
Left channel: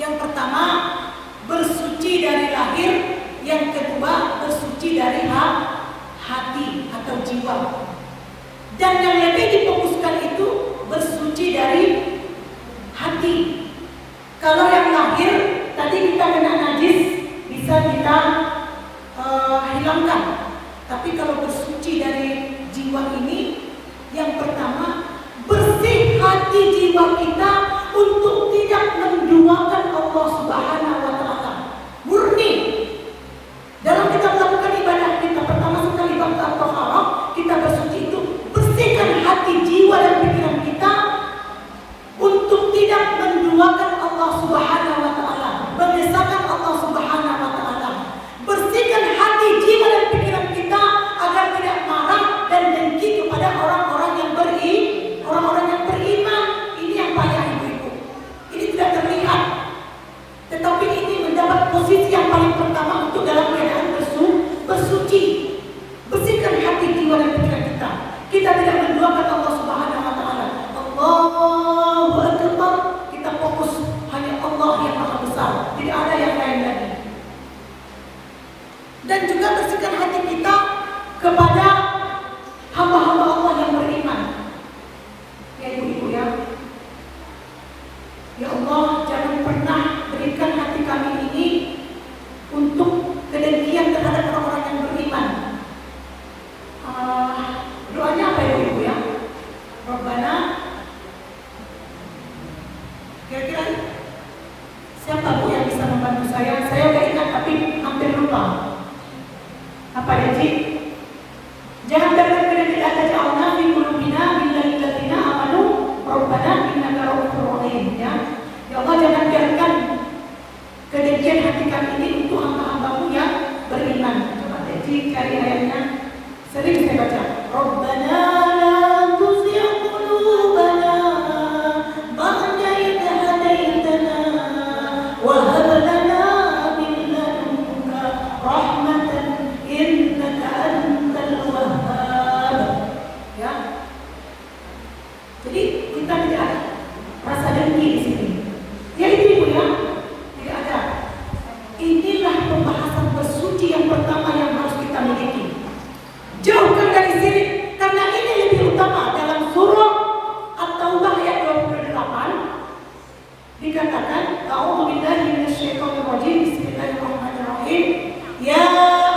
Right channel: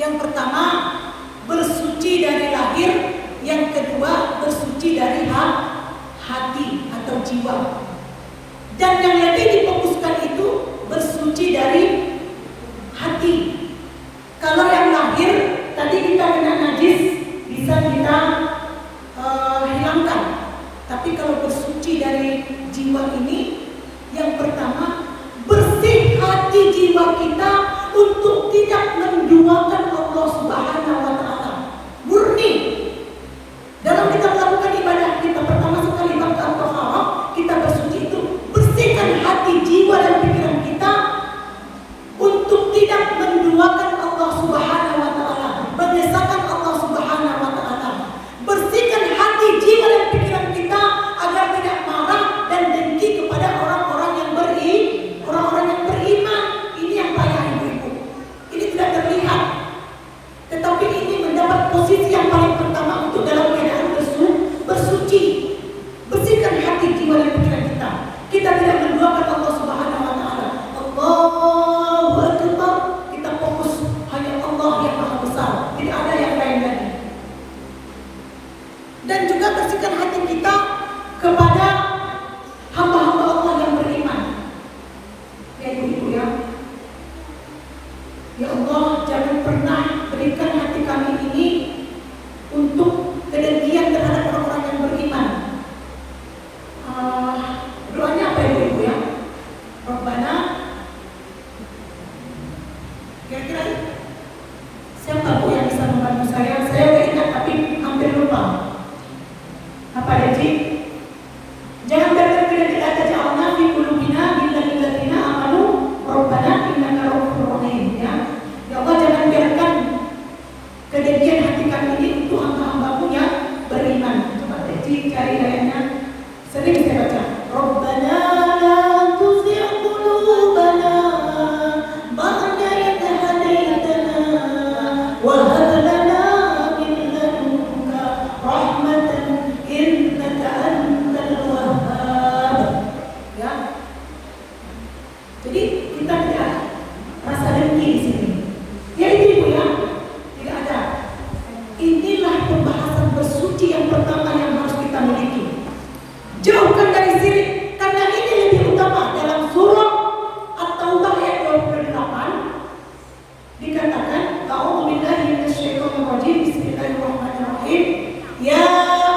Yang pertama, bersuci dari lahir. Yang kedua, bersuci dari hati atau jiwa. Dan yang lebih difokuskan itu bersuci dari hati. Kalau yang lahir, tadi kita kena najis, bisa kita hilangkan. Tapi kalau bersuci dari jiwa ini, yang pertama, bersih hati jiwa kita untuk tidak menduakan Allah Subhanahu wa Ta'ala. Murni. Dalam kita melakukan ibadah kita, pertama sekali bab al-toharah, kita bersuci itu, bersihkan hati, jiwa dan pikiran kita untuk tidak menduakan Allah Subhanahu wa Ta'ala, mengesahkan Allah Subhanahu wa Ta'ala. Bersihkan hati, jiwa dan pikiran kita agar tidak marah dan dengki kepada orang-orang yang beriman. Ini yang payah ibu-ibu. Ini tidak terlihat, tetapi ini mendapat posisi yang paling pertama untuk dalam keadaan bersuci. Bersihkan hati, jiwa dan pikiran kita. Kita tidak menduakan Allah Subhanahu wa Ta'ala. Allahu Akbar. Kita fokus hanya Allah yang Maha Besar, tidak ada yang lain lagi. Dan juga bersihkan hati kita kepada hamba-hamba Allah yang beriman. Ya ibu-ibu ya. Ya Allah, jangan pernah berikan hati kami ini untuk kedengkian terhadap orang-orang yang beriman. Doanya apa ibu-ibu ya? Rabbana, kira-kira siapa bu yang bisa membantu saya? Saya udah ingat tapi hampir lupa. Apa ya Ji? Jangan berkata di atas Allah fi qulubina bil ladzina amanu rabbana innaka ra'ufur rahim ya. Ya Allah, jangan biarkan kedengkian hati kami ini untuk hamba-hambamu yang beriman. Coba Ji cari ayatnya. Sering saya baca. Rabbana la tuzigh qulubana ba'da idh hadaytana wa hab lana min ladunka rahmatan innaka antal wahhab. Ya. Jadi kita tidak ada rasa dengki di sini. Ya ibu ya, tidak ada. Inilah pembahasan bersuci yang pertama yang harus kita miliki. Jauhkan dari syirik, karena ini lebih utama. Dalam surah At-Taubah ayat 28 dikatakan, A'udzu billahi minasyaitonir rajim. Bismillahirrahmanirrahim. Ya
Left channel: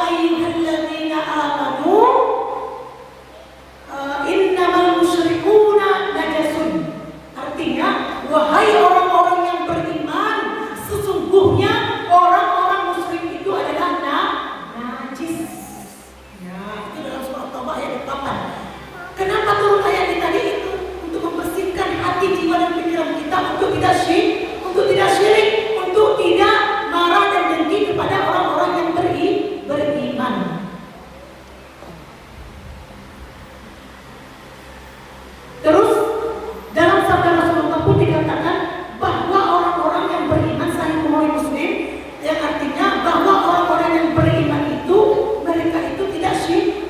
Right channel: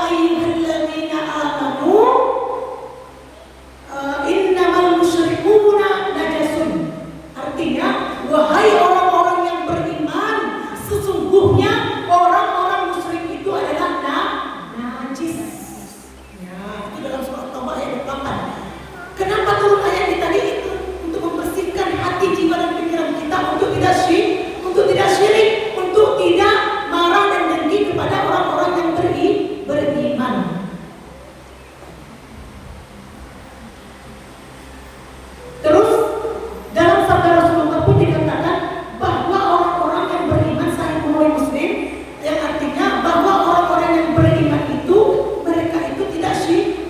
ayyuhalladzina amanu innamal musyrikuna najasun. Artinya, wahai orang-orang yang beriman, sesungguhnya orang-orang musyrik itu adalah najis. Ya, itu dalam surah Taubah ayat 8. Kenapa turun ayat tadi itu? Untuk membersihkan hati, jiwa dan pikiran kita untuk tidak syirik, untuk tidak marah dan dengki kepada orang-orang yang beriman. Terus dalam sabda Rasulullah pun dikatakan bahwa orang-orang yang beriman, Sahih Bukhari Muslim, yang artinya bahwa orang-orang yang beriman itu mereka itu tidak syirik.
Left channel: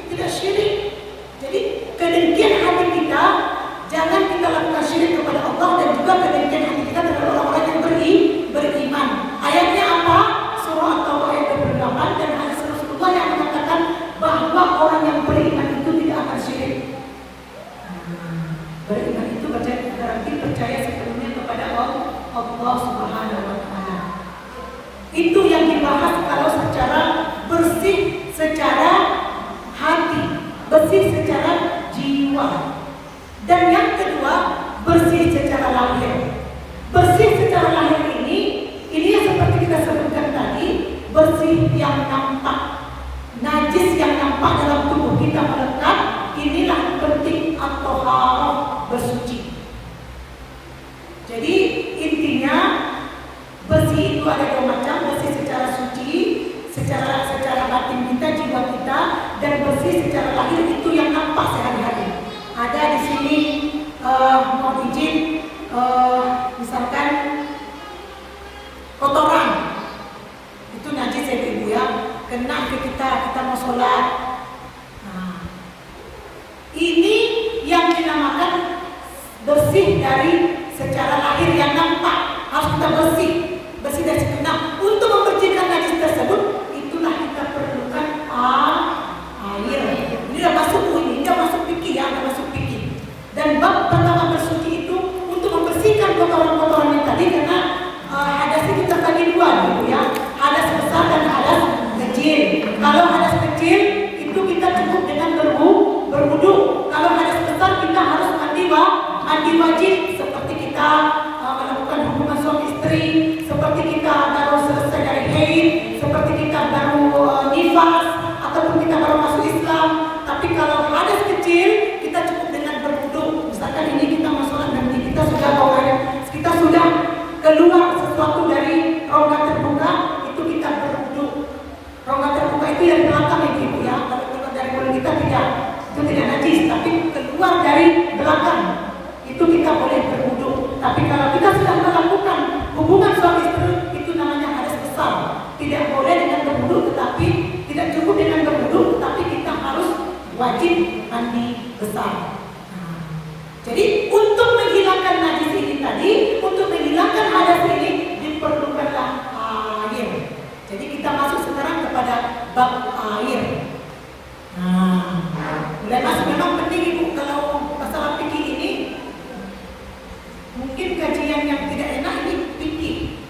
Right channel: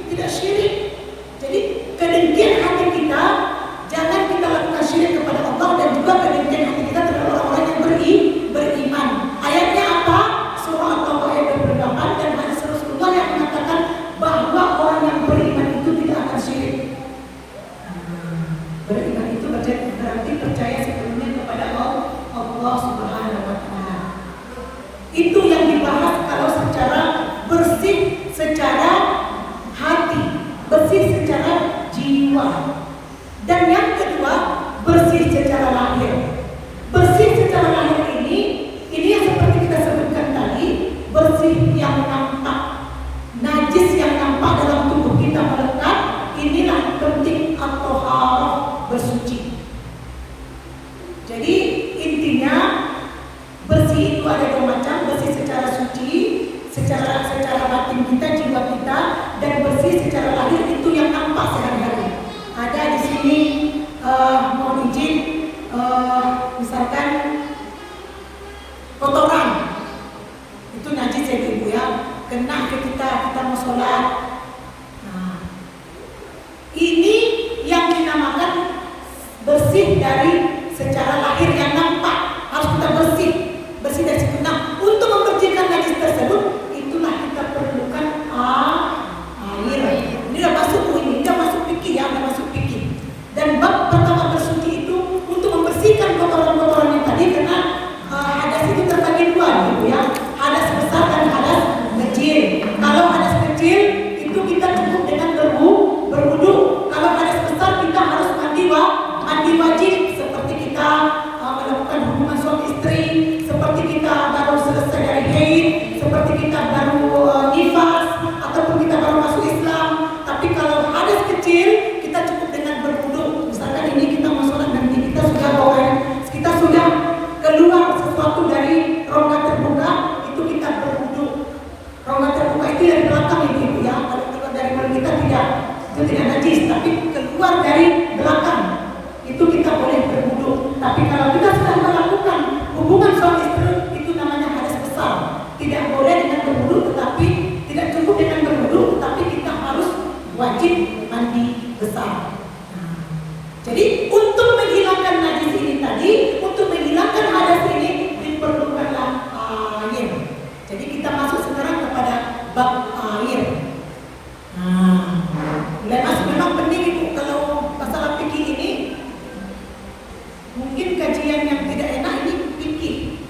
Allah Subhanahu wa Ta'ala. Itu yang dibahas kalau secara bersih secara hati, bersih secara jiwa. Dan yang kedua, bersih secara lahir. Bersih secara lahir ini yang seperti kita sebutkan tadi, bersih yang nampak, najis yang nampak dalam tubuh kita melekat. Inilah penting atau bersuci. Jadi intinya bersih itu ada dua macam, bersih secara suci, secara batin kita, jiwa kita, dan bersih secara lahir itu yang nampak sehari-hari. Ada di sini mohon izin, misalkan kotoran itu najis ya ibu ya, kena ke kita mau sholat. Nah, ini yang dinamakan bersih dari secara lahir yang nampak, harus kita bersih dari situ. Nah, untuk membersihkan najis tersebut, itulah kita perlukan air. Ini udah masuk udah masuk fikih ya, udah masuk fikih. Dan bab pertama bersuci itu untuk membersihkan kotoran-kotoran yang tadi, karena hadas itu terbagi dua gitu ya, hadas besar dan hadas kecil. Kalau hadas kecil itu kita cukup dengan berwudu. Kalau hadas besar kita harus mandi wajib, seperti kita melakukan hubungan suami istri, seperti kita baru selesai dari haid, seperti kita baru nifas, ataupun kita baru masuk Islam. Tapi kalau hadas kecil kita cukup dengan berwudu. Misalkan ini kita mau sholat dan kita sudah bawa air, kita sudah keluar sesuatu dari rongga terbuka, itu kita berwudu. Rongga terbuka itu yang belakang ibu ya. Kalau keluar dari mulut kita itu tidak najis, tapi keluar dari belakang itu kita boleh berwudu. Tapi kalau kita sudah melakukan hubungan suami istri, itu namanya hadas besar. Tidak boleh dengan berwudu, tetapi tidak cukup dengan berwudu, tapi kita harus wajib mandi besar. Nah, jadi untuk menghilangkan najis ini tadi, untuk menghilangkan hadas ini diperlukanlah air. Jadi kita masuk sekarang kepada bab air. Nah, memang penting ibu kalau masalah fikih ini. Mungkin kajian yang tidak enak ini fikih,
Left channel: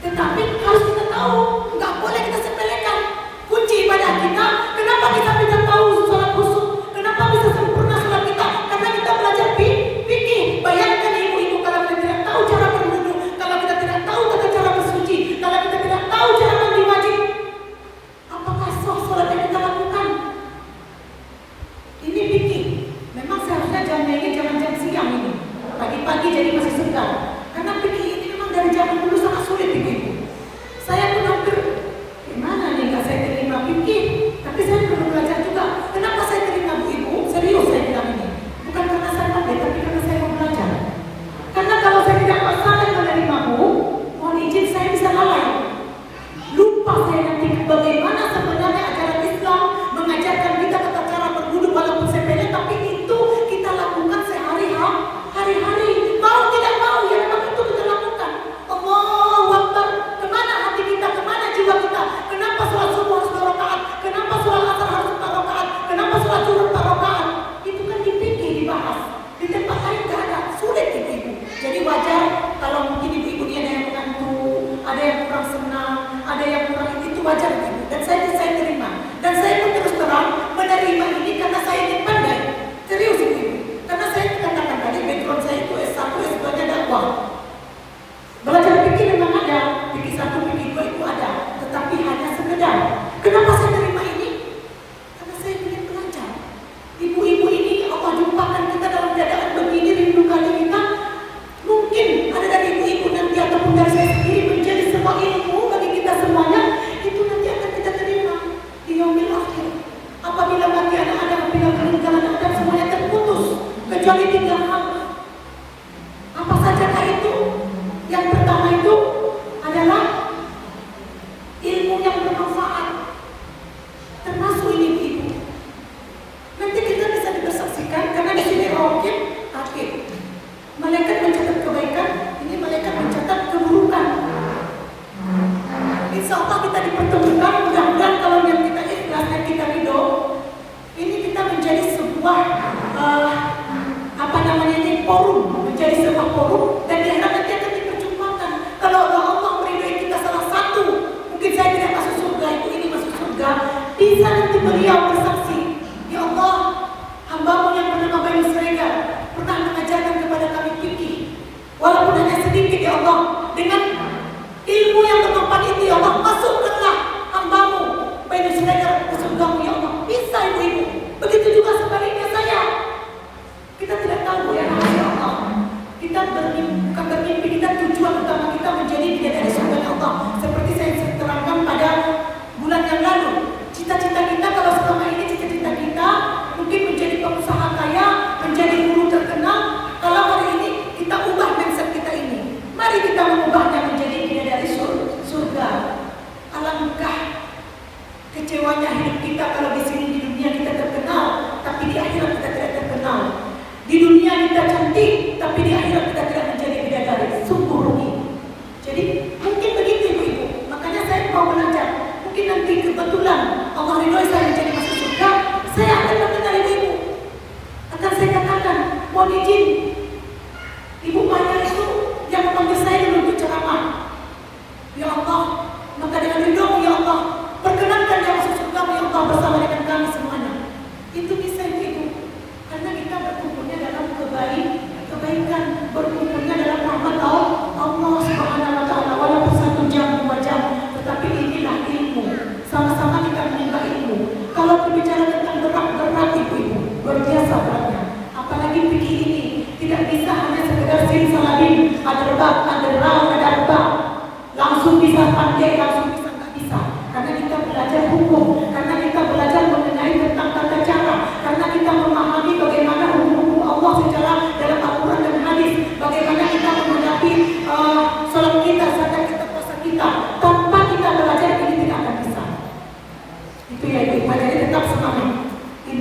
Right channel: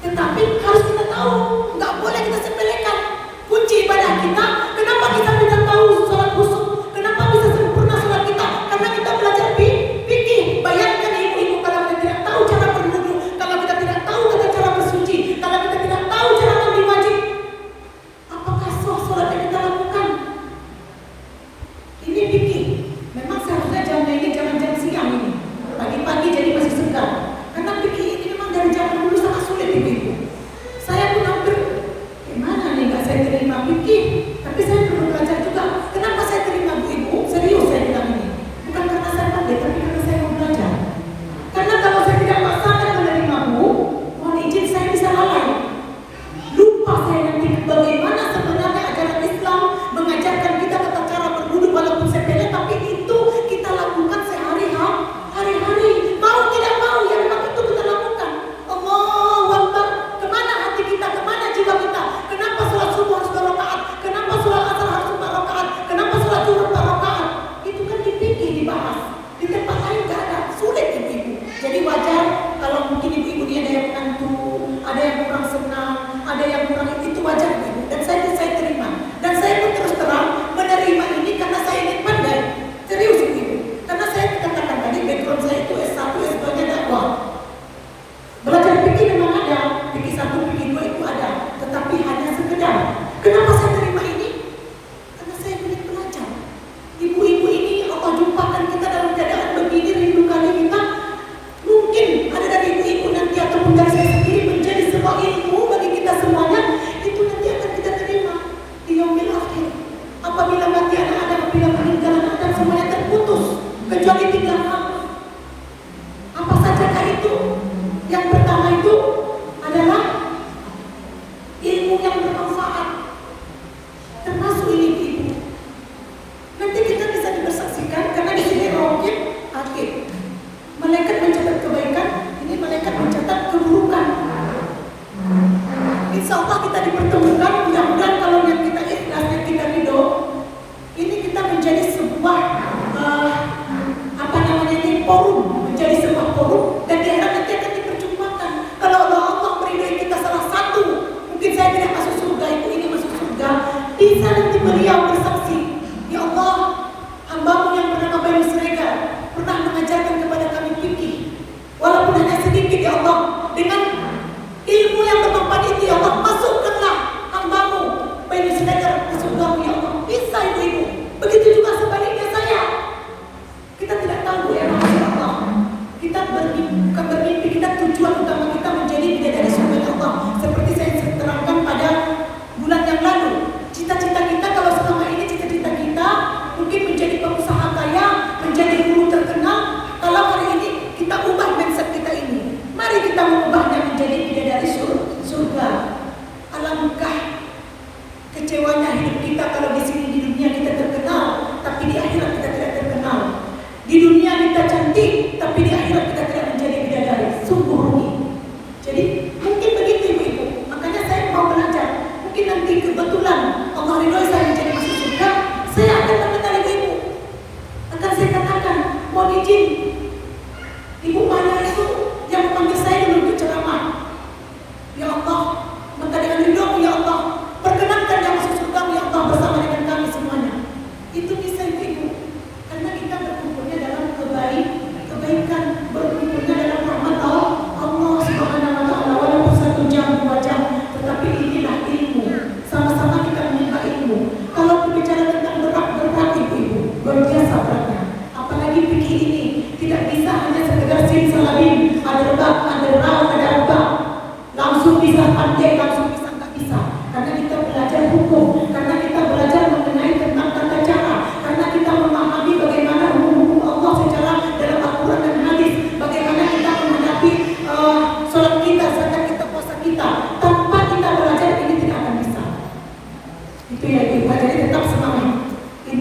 tetapi harus kita tahu, nggak boleh kita sepelekan kunci ibadah kita. Kenapa kita bisa tahu sholat khusyuk? Kenapa bisa sempurna sholat kita? Karena kita belajar fikih. Bayangkan ibu-ibu, kalau kita tidak tahu cara berwudu, kalau kita tidak tahu tata cara bersuci, kalau kita tidak tahu cara mandi wajib, apakah sah sholat yang kita lakukan? Ini fikih. Memang seharusnya jamnya ini jam siang ini. Pagi-pagi jadi masih segar. Karena fikih ini memang dari zaman dulu sangat sulit ibu-ibu. Saya pun hampir, gimana nih, nggak saya terima fikih, tapi saya perlu belajar juga. Kenapa saya terima bu ibu? Serius saya bilang ini. Bukan karena saya pandai, tapi karena saya mau belajar. Karena kalau saya tidak masalah menerima bu, mohon izin saya bisa lalai. Lupa saya nanti bagaimana sebenarnya ajaran Islam mengajarkan kita tata cara berwudu walaupun sepele, tapi itu kita lakukan hari-hari, mau tidak mau ya memang itu kita lakukan. Allahu Akbar. Kemana hati kita, kemana jiwa kita? Kenapa sholat subuh harus 2 rakaat? Kenapa sholat asar harus 4 rakaat? Kenapa sholat zuhur 4 rakaat? Itu kan dipikir, dibahas. Di tempat lain nggak ada, sulit ibu-ibu. Jadi wajar kalau mungkin ibu-ibu dia ada yang mengantuk, ada yang kurang senang, ada yang kurang, itu wajar ibu. Dan saya terima. Dan saya pun terus terang menerima ini karena saya ingin pandai. Serius ibu. Karena saya katakan tadi background saya itu S1, S2-nya dakwah. Belajar fikih memang ada, fikih 1, fikih 2 itu ada, tetapi hanya sekedar. Kenapa saya terima ini? Karena saya ingin belajar. Ibu-ibu ini Allah jumpakan kita dalam keadaan begini, rindu kali kita. Mungkin ada dari ibu-ibu nanti ataupun dari saya sendiri menjadi sebuah ilmu bagi kita semuanya. Itu nanti akan kita terima di yaumil akhir. Apabila mati anak Adam, apabila meninggal anak Adam, semuanya terputus. Kecuali 3 hal. Apa sajakah itu? Yang pertama itu adalah ilmu yang bermanfaat. Termasuk ini ibu. Nanti kita bisa dibersaksikan karena di sini raqib, atid. Malaikat mencatat kebaikan, ini malaikat mencatat keburukan. Insya Allah kita dipertemukan. Mudah-mudahan kalau niat kita ikhlas, niat kita ridho, ini kita menjadi sebuah forum, menjadi sebuah forum, dan di akhirat nanti akan diperjumpaan.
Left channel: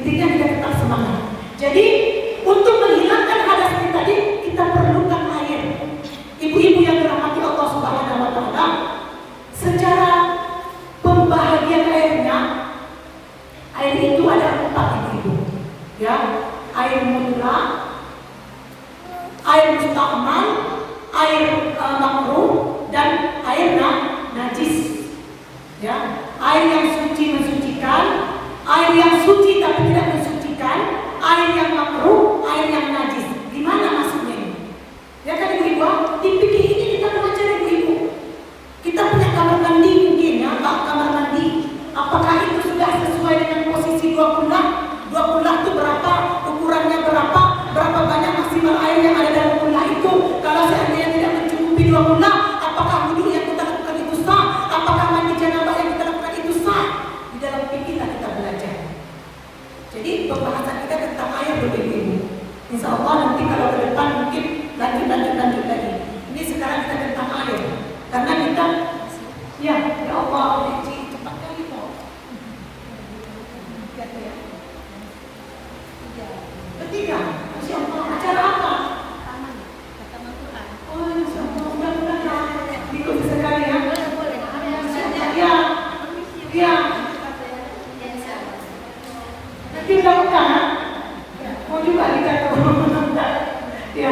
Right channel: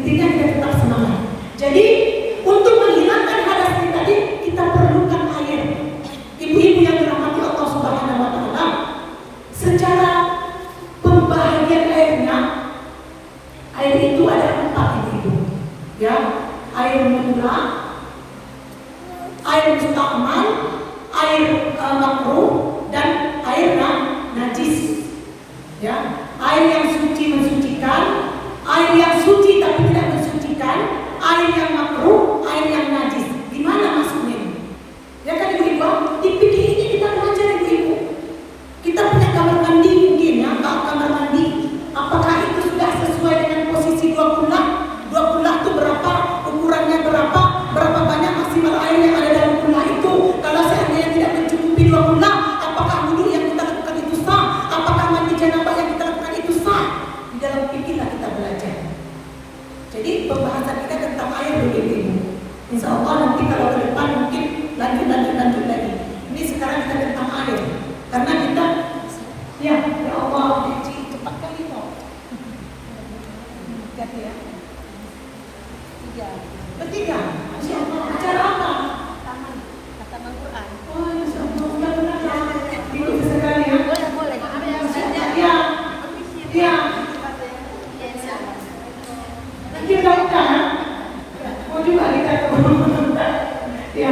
Intinya kita tetap semangat. Jadi untuk menghilangkan hadas ini tadi kita perlukan air. Ibu-ibu yang dirahmati Allah Subhanahu wa taala, secara pembahagian airnya, air itu ada 4 ibu. Ya, air mutlak, air musta'mal, air makruh, dan air najis. Ya, air yang suci mensucikan, air yang suci tapi tidak mensucikan, air yang makruh, air yang najis. Di mana masuknya ini? Ya kan ibu-ibu, di fikih ini kita belajar ibu-ibu. Kita punya kamar mandi mungkin ya, kamar mandi. Apakah itu sudah sesuai dengan posisi 2 kullah? 2 kullah itu berapa? Ukurannya berapa? Berapa banyak maksimal air yang ada dalam kullah itu? Kalau seandainya tidak mencukupi 2 kullah, apakah wudhu yang kita lakukan itu sah? Apakah mandi janabah yang kita lakukan itu sah? Di dalam fikihlah kita belajar. Jadi pembahasan kita tentang air dulu ibu. Insya Allah nanti kalau ke depan mungkin lanjut lagi. Ini sekarang kita tentang air. Karena kita, ya Allah, cepat kali kok. Lihat ya. Bertiga. Masya Allah, acara apa? Oh, Masya Allah, udah benar ya. Ikut sekali ya. Boleh. Ya. Ya. Nanti lakukan. Mau juga kita. Ya.